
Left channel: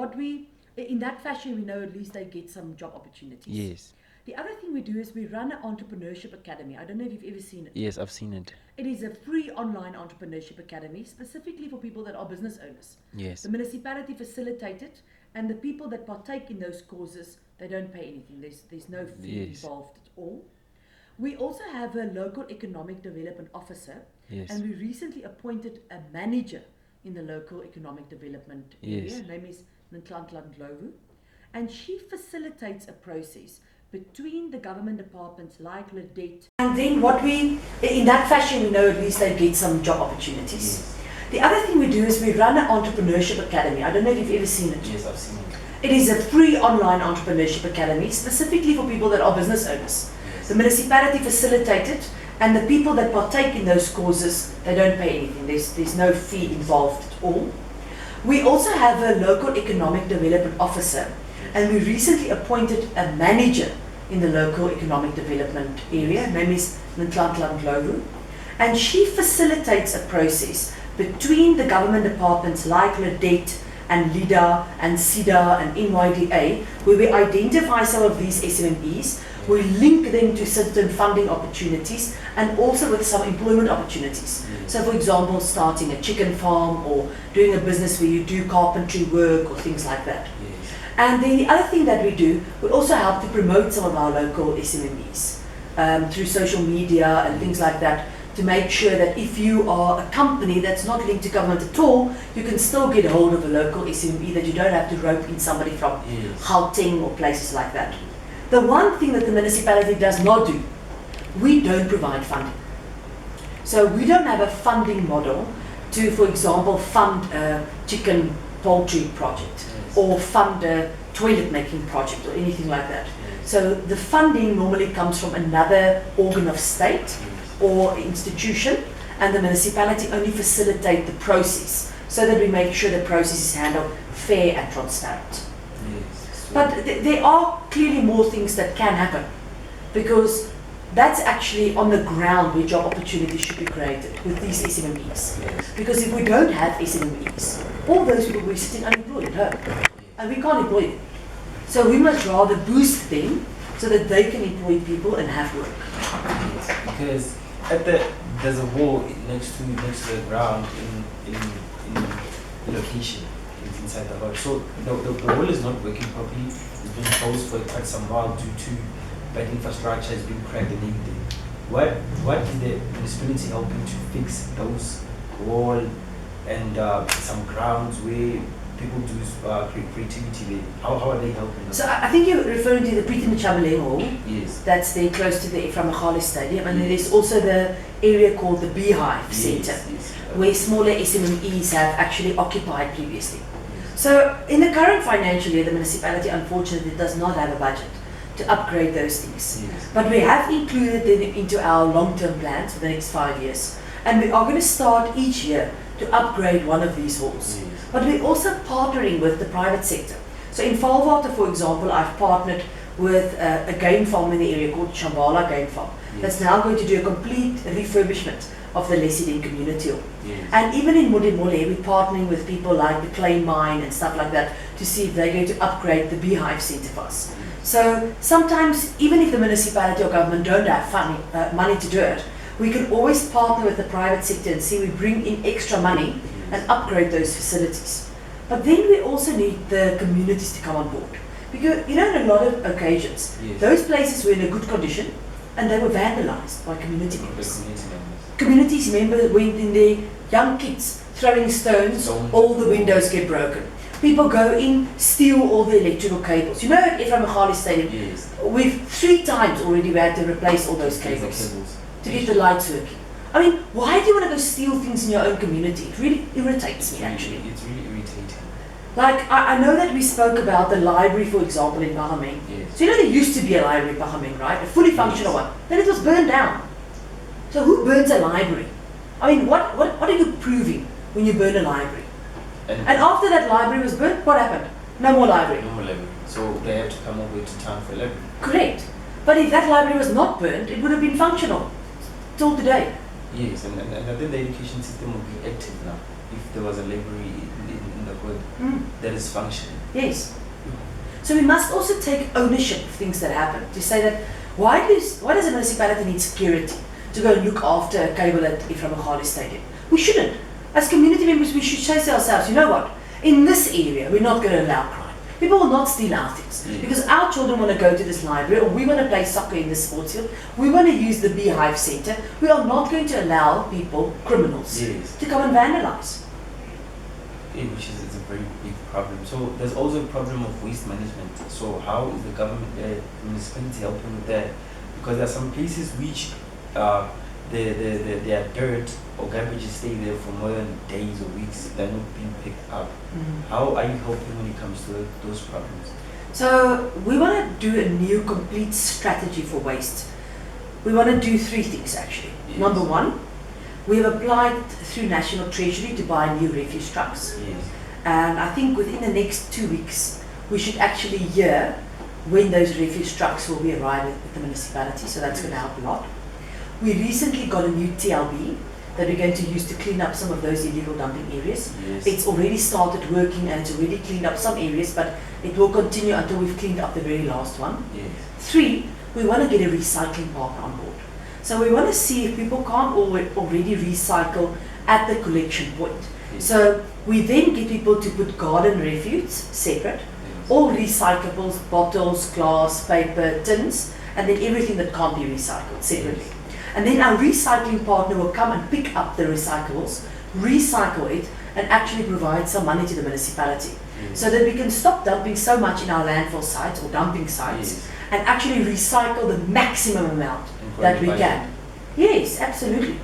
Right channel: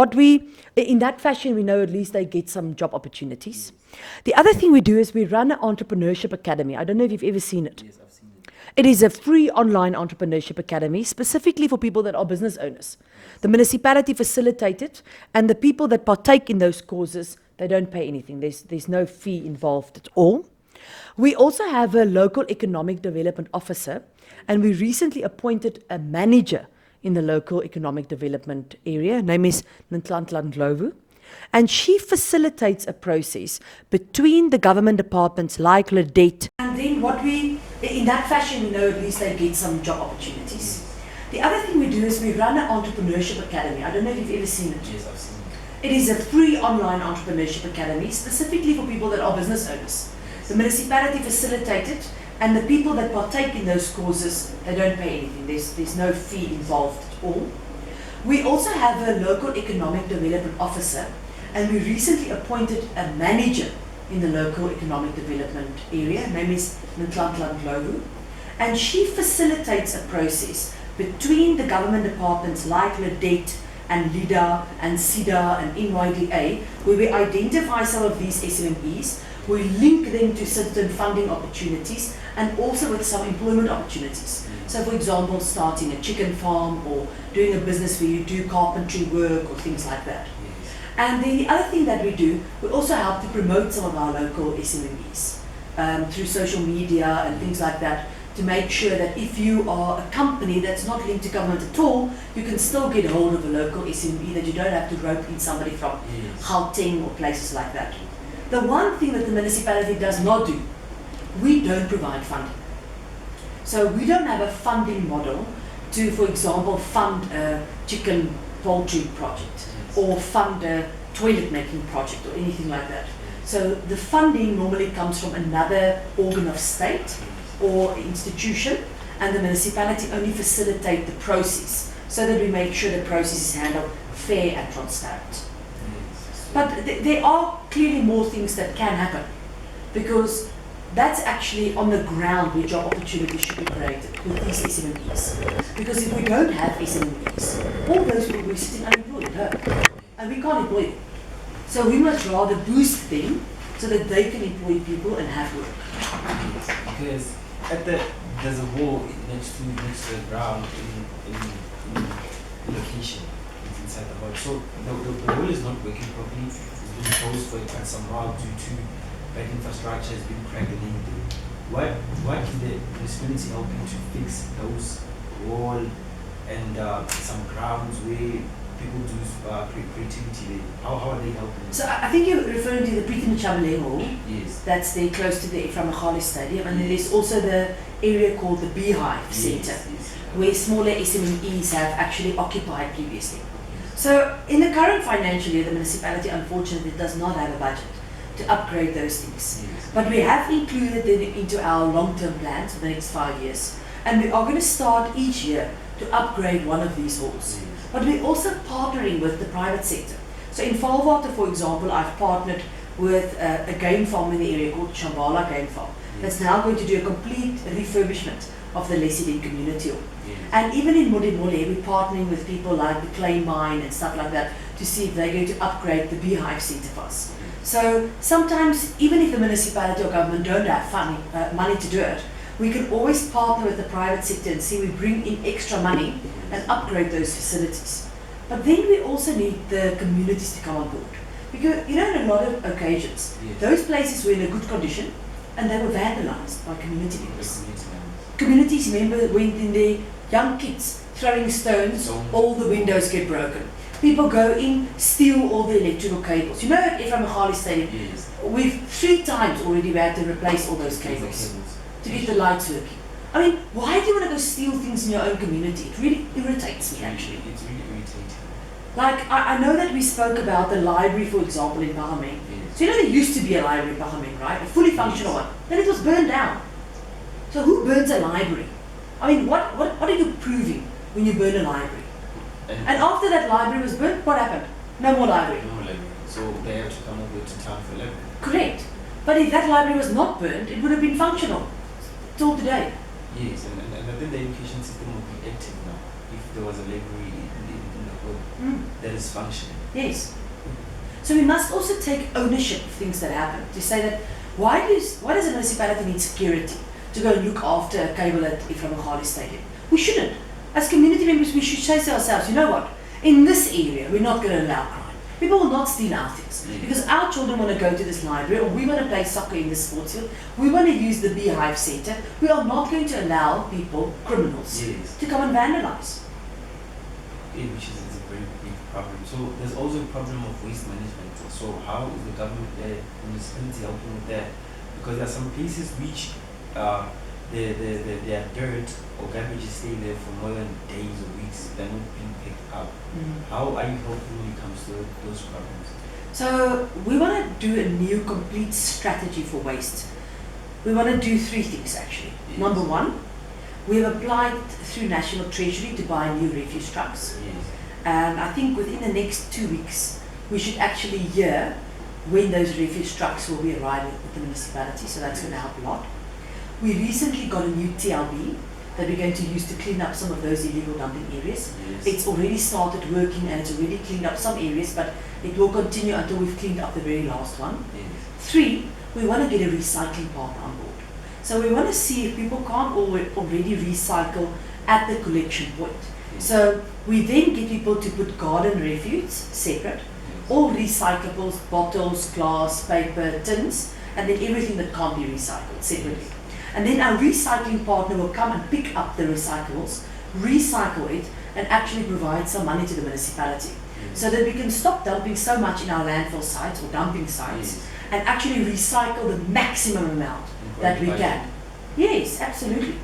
in that fashion, we know at least they get some job opportunities. Yes. The other thing we do is we run an entrepreneurship academy. I don't know if you've ever seen it. Yes, I've seen it. It is a free online entrepreneurship academy specifically for people that are business owners. Yes. The municipality facilitates it, and the people that partake in those courses, they don't pay anything. There's no fee Yes. involved at all. We also have a local economic development officer, Yes. and we recently appointed a manager in the local economic development area. Her name is Ntlantla Ndlovu. And she facilitates a process between the government departments like LEDET. And then in that fashion, we know at least they get some job opportunities. Yes. The other thing we do is we run an entrepreneurship academy. I don't know if you've ever seen it. Yes, I've seen it. It is a free online entrepreneurship academy specifically for people that are business owners. Yes. The municipality facilitates it, and the people that partake in those courses, they don't pay anything. There's no fee involved at all. We also have a local economic development officer, and we recently appointed a manager in the local economic development area. Her name is Ntlantla Ndlovu, and she facilitates a process between the government departments like LEDET and LIDA and SIDA and NYDA, where we identify some of these SMMEs, we link them to certain funding opportunities and also with some employment opportunities. So for example, starting a chicken farm or doing a business where you do carpentry work or things like that. Yes. And then the other thing that we do, we also help to promote some of our local SMMEs through social media and things like that, to make sure that if you are a company that's not linked to government at all, you can still get hold of a local SME, that you don't have to rope in somebody from Yes. Gauteng or places like that. The one thing that the municipality does not do, we don't provide funding. So we don't have a funding model to, for example, fund a chicken poultry project or fund a toilet making project or anything like that. So the funding normally comes from another organ of state or institution, and the municipality only facilitate the process so that we make sure the process is handled fair and transparent. Yes. But there are clearly more things that can happen, because that's actually on the ground where job opportunities should be created with these SMMEs. Yes. Because if we don't have SMMEs, all those people will be sitting unemployed at home, and we can't employ them. So we must rather boost them so that they can employ people and have work. Yes, because there's a wall next to the ground in the location. It's inside the hut. So the wall is not working properly. It's been closed for quite some while due to bad infrastructure has been cracked and everything. What is the municipality helping to fix those wall and some grounds where people do creativity there? How are they helping them? So I think you're referring to the Preetam Chabale Hall. Yes. That's there close to the Ephraim Khali Stadium, and then there's also the area called the Beehive Centre, where smaller SMEs have actually occupied previously. So in the current financial year, the municipality unfortunately does not have a budget to upgrade those things. Yes. But we have included them into our long-term plans for the next 5 years. And we are going to start each year to upgrade one of these halls. Yes. But we're also partnering with the private sector. So in Falwater, for example, I've partnered with a game farm in the area called Shambhala Game Farm. Yes. That's now going to do a complete refurbishment of the loadshedding community hall. Yes. And even in Modimolle, we're partnering with people like the Clay Mine and stuff like that to see if they're going to upgrade the Beehive Centre for us. So sometimes, even if the municipality or government don't have money to do it, we can always partner with the private sector and see we bring in extra money and upgrade those facilities. But then we also need the communities to come on board. Because, you know, in a lot of occasions, Yes. those places were in a good condition and they were vandalized by community members. The community members. Communities members went in there, young kids throwing stones, all the windows get broken. People go in, steal all the electrical cables. You know, at Ephraim Khali Stadium, Yes. we've 3 times already had to replace all those cables to get the lights working. I mean, why do you want to go steal things in your own community? It really irritates me, actually. It's really irritating. Like, I know that we spoke about the library, for example, in Bahameng. Yes. So you know there used to be a library in Bahameng, right? A fully functional one. Then it was burned down. So who burns a library? I mean, what are you proving when you burn a library? And after that library was burnt, what happened? No more library. No more library. So they have to come over to town for a library. Correct. But if that library was not burnt, it would have been functional till today. Yes, and I think the education system would be active now if there was a library in the hood that is functioning. Yes. So we must also take ownership of things that happen. To say that why does a municipality need security to go and look after a cable at Ephraim Khali Stadium? We shouldn't. As community members, we should say to ourselves, you know what? In this area, we're not going to allow crime. People will not steal our things because our children want to go to this library, or we want to play soccer in this sports field. We want to use the Beehive Centre. We are not going to allow people, criminals, to come and vandalize. Yeah, which is a very big problem. So there's also a problem of waste management. So how is the government, the municipality helping with that? Because there are some places which their dirt or garbage stay there for more than days or weeks. They're not being picked up. How are you helping when it comes to those problems? So we want to do a new complete strategy for waste. We want to do 3 things actually. Yes. Number 1, we have applied through National Treasury to buy new refuse trucks. Yes. And I think within the next 2 weeks, we should actually hear when those refuse trucks will be arriving at the municipality. So that's going to help a lot. We recently got a new TLB that we're going to use to clean up some of those illegal dumping areas. Yes. It's already started working and it's already cleaned up some areas, but it will continue until we've cleaned up the very last one. Yes. 3, we want to get a recycling partner on board. So we want to see if people can't already recycle at the collection point. Yes. So we then get people to put garden refuse separate, all recyclables, bottles, glass, paper, tins, and then everything that can't be recycled separately. And then our recycling partner will come and pick up the recyclables, recycle it, and actually provide some money to the municipality. So that we can stop dumping so much in our landfill sites or dumping sites and actually recycle the maximum amount that we can. Yes, absolutely.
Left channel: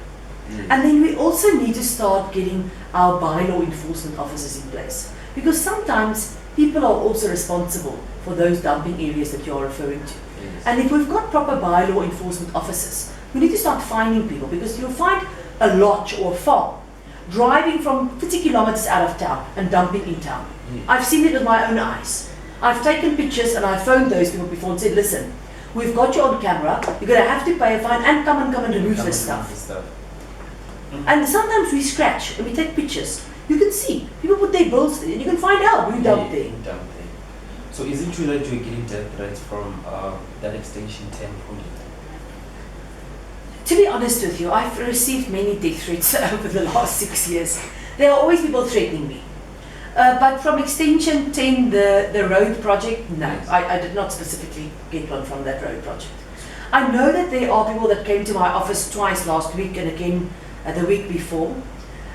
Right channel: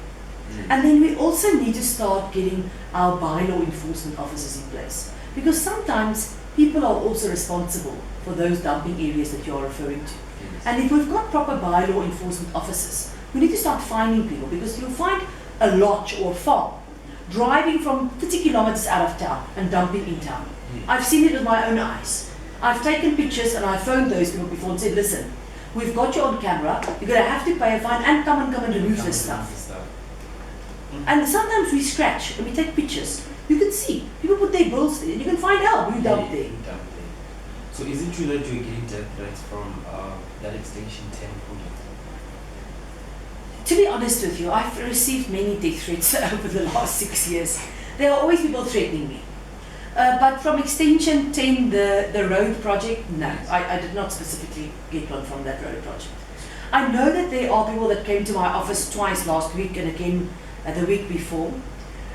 And then we also need to start getting our bylaw enforcement officers in place, because sometimes people are also responsible for those dumping areas that you're referring to. And if we've got proper bylaw enforcement officers, we need to start finding people, because you'll find a lodge or a farm driving from 50 kilometers out of town and dumping in town. I've seen it with my own eyes. I've taken pictures and I've phoned those people before and said, listen, we've got you on camera, you're going to have to pay a fine and come and remove this stuff. And sometimes we scratch and we take pictures. You can see, people put their bills there and you can find out who dumped there. So is it true that you're getting death threats from that Extension 10 project? To be honest with you, I've received many death threats over the last 6 years. There are always people threatening me. But from Extension 10, the road project, no, I did not specifically get one from that road project. I know that there are people that came to my office twice last week and again the week before.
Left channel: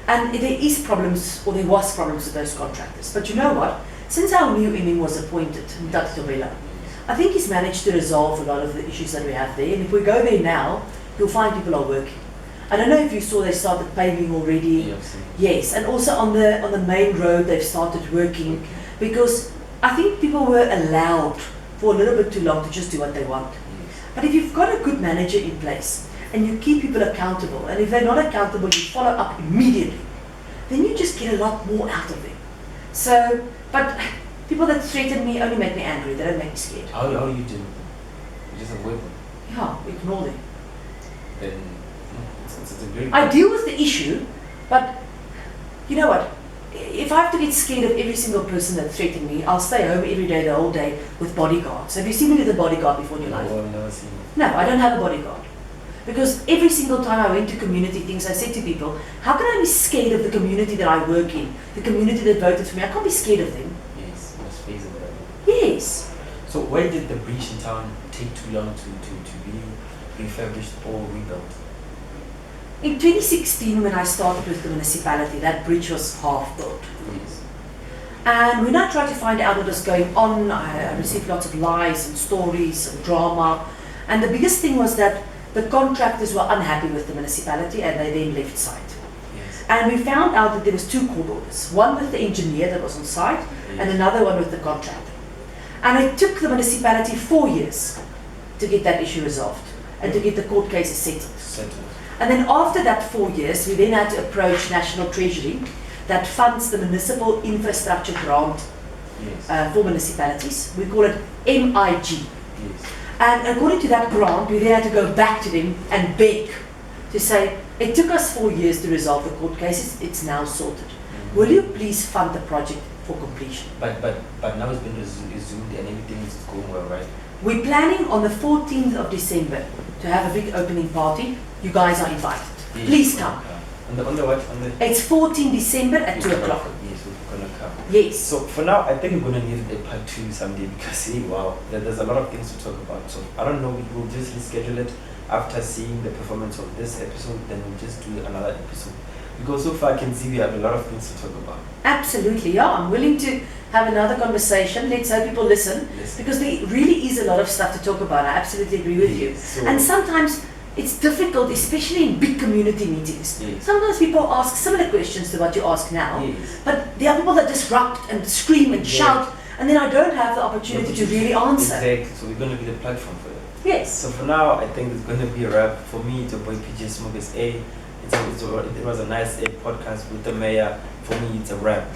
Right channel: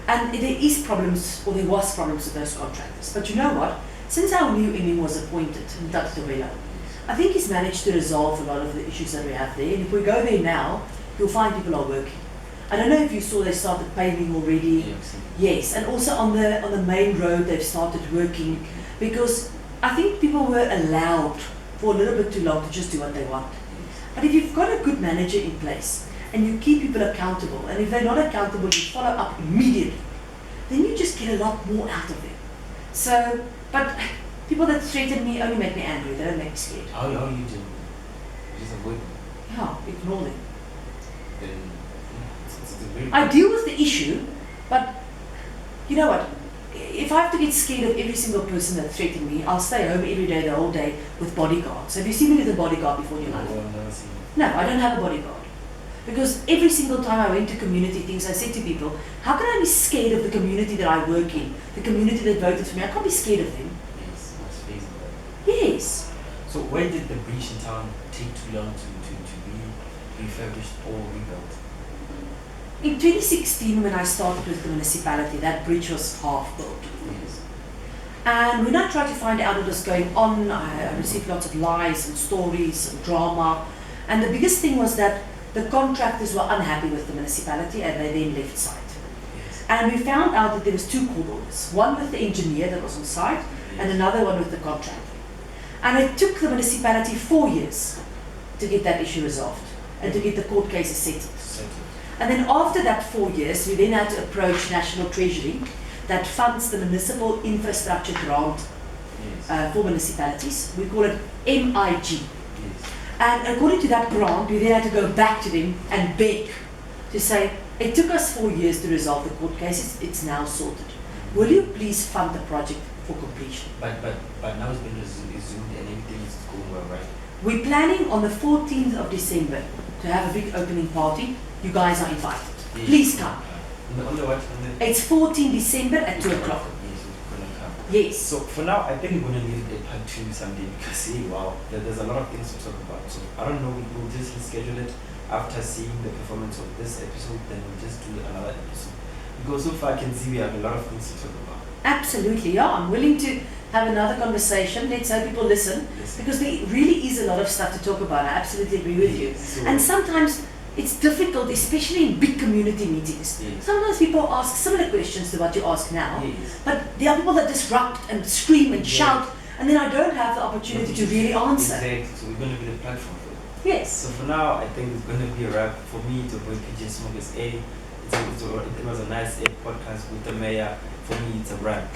And there is problems, or there was problems with those contractors. But you know what? Since our new MM was appointed, Tati Tobela, I think he's managed to resolve a lot of the issues that we have there. And if we go there now, you'll find people are working. I don't know if you saw they started paving already. Yes, and also on the main road they've started working, because I think people were allowed for a little bit too long to just do what they want. But if you've got a good manager in place and you keep people accountable, and if they're not accountable, you follow up immediately, then you just get a lot more out of them. So, but people that threaten me only make me angry, they don't make me scared. How do you deal with them? You just avoid them? Yeah, ignore them. Then it's a very... I deal with the issue, but you know what? If I have to get scared of every single person that threatens me, I'll stay home every day, the whole day, with bodyguards. Have you seen me with a bodyguard before in your life? No, I've never seen it. No, I don't have a bodyguard. Because every single time I went to community things, I said to people, how can I be scared of the community that I work in, the community that voted for me? I can't be scared of them. Yes, that's feasible. Yes. So why did the breach in town take too long to be refurbished or rebuilt? In 2016, when I started with the municipality, that bridge was half built. Yes. And when I tried to find out what was going on, I received lots of lies and stories and drama. And the biggest thing was that the contractors were unhappy with the municipality and they then left site. Yes. And we found out that there was 2 court orders, one with the engineer that was on site and another one with the contractor. And it took the municipality 4 years to get that issue resolved and to get the court cases settled. And then after that 4 years, we then had to approach National Treasury that funds the municipal infrastructure grant for municipalities. We call it MIG. Yes. And according to that grant, we then had to go back to them and beg to say, it took us 4 years to resolve the court cases, it's now sorted. Will you please fund the project for completion? But now it's been resumed and everything is going well, right? We're planning on the 14th of December to have a big opening party. You guys are invited. Yes. Please come. On the what? It's 14 December at 2 o'clock. Yes, we're gonna come. Yes. So for now, I think we're gonna need a part 2 someday because wow, there's a lot of things to talk about. So I don't know, we'll just reschedule it after seeing the performance of this episode. Then we'll just do another episode because so far I can see we have a lot of things to talk about. Absolutely, yeah. I'm willing to have another conversation. Let's hope people listen because there really is a lot of stuff to talk about. I absolutely agree with you. So and sometimes it's difficult, especially in big community meetings. Yes. Sometimes people ask similar questions to what you ask now, Yes. but there are people that disrupt and scream and shout, and then I don't have the opportunity to really answer. Exactly. So we're gonna be the platform for you. Yes. So for now, I think it's gonna be a wrap for me. To boy PJ Smokers A. It was a nice podcast with the mayor. For me, it's a wrap.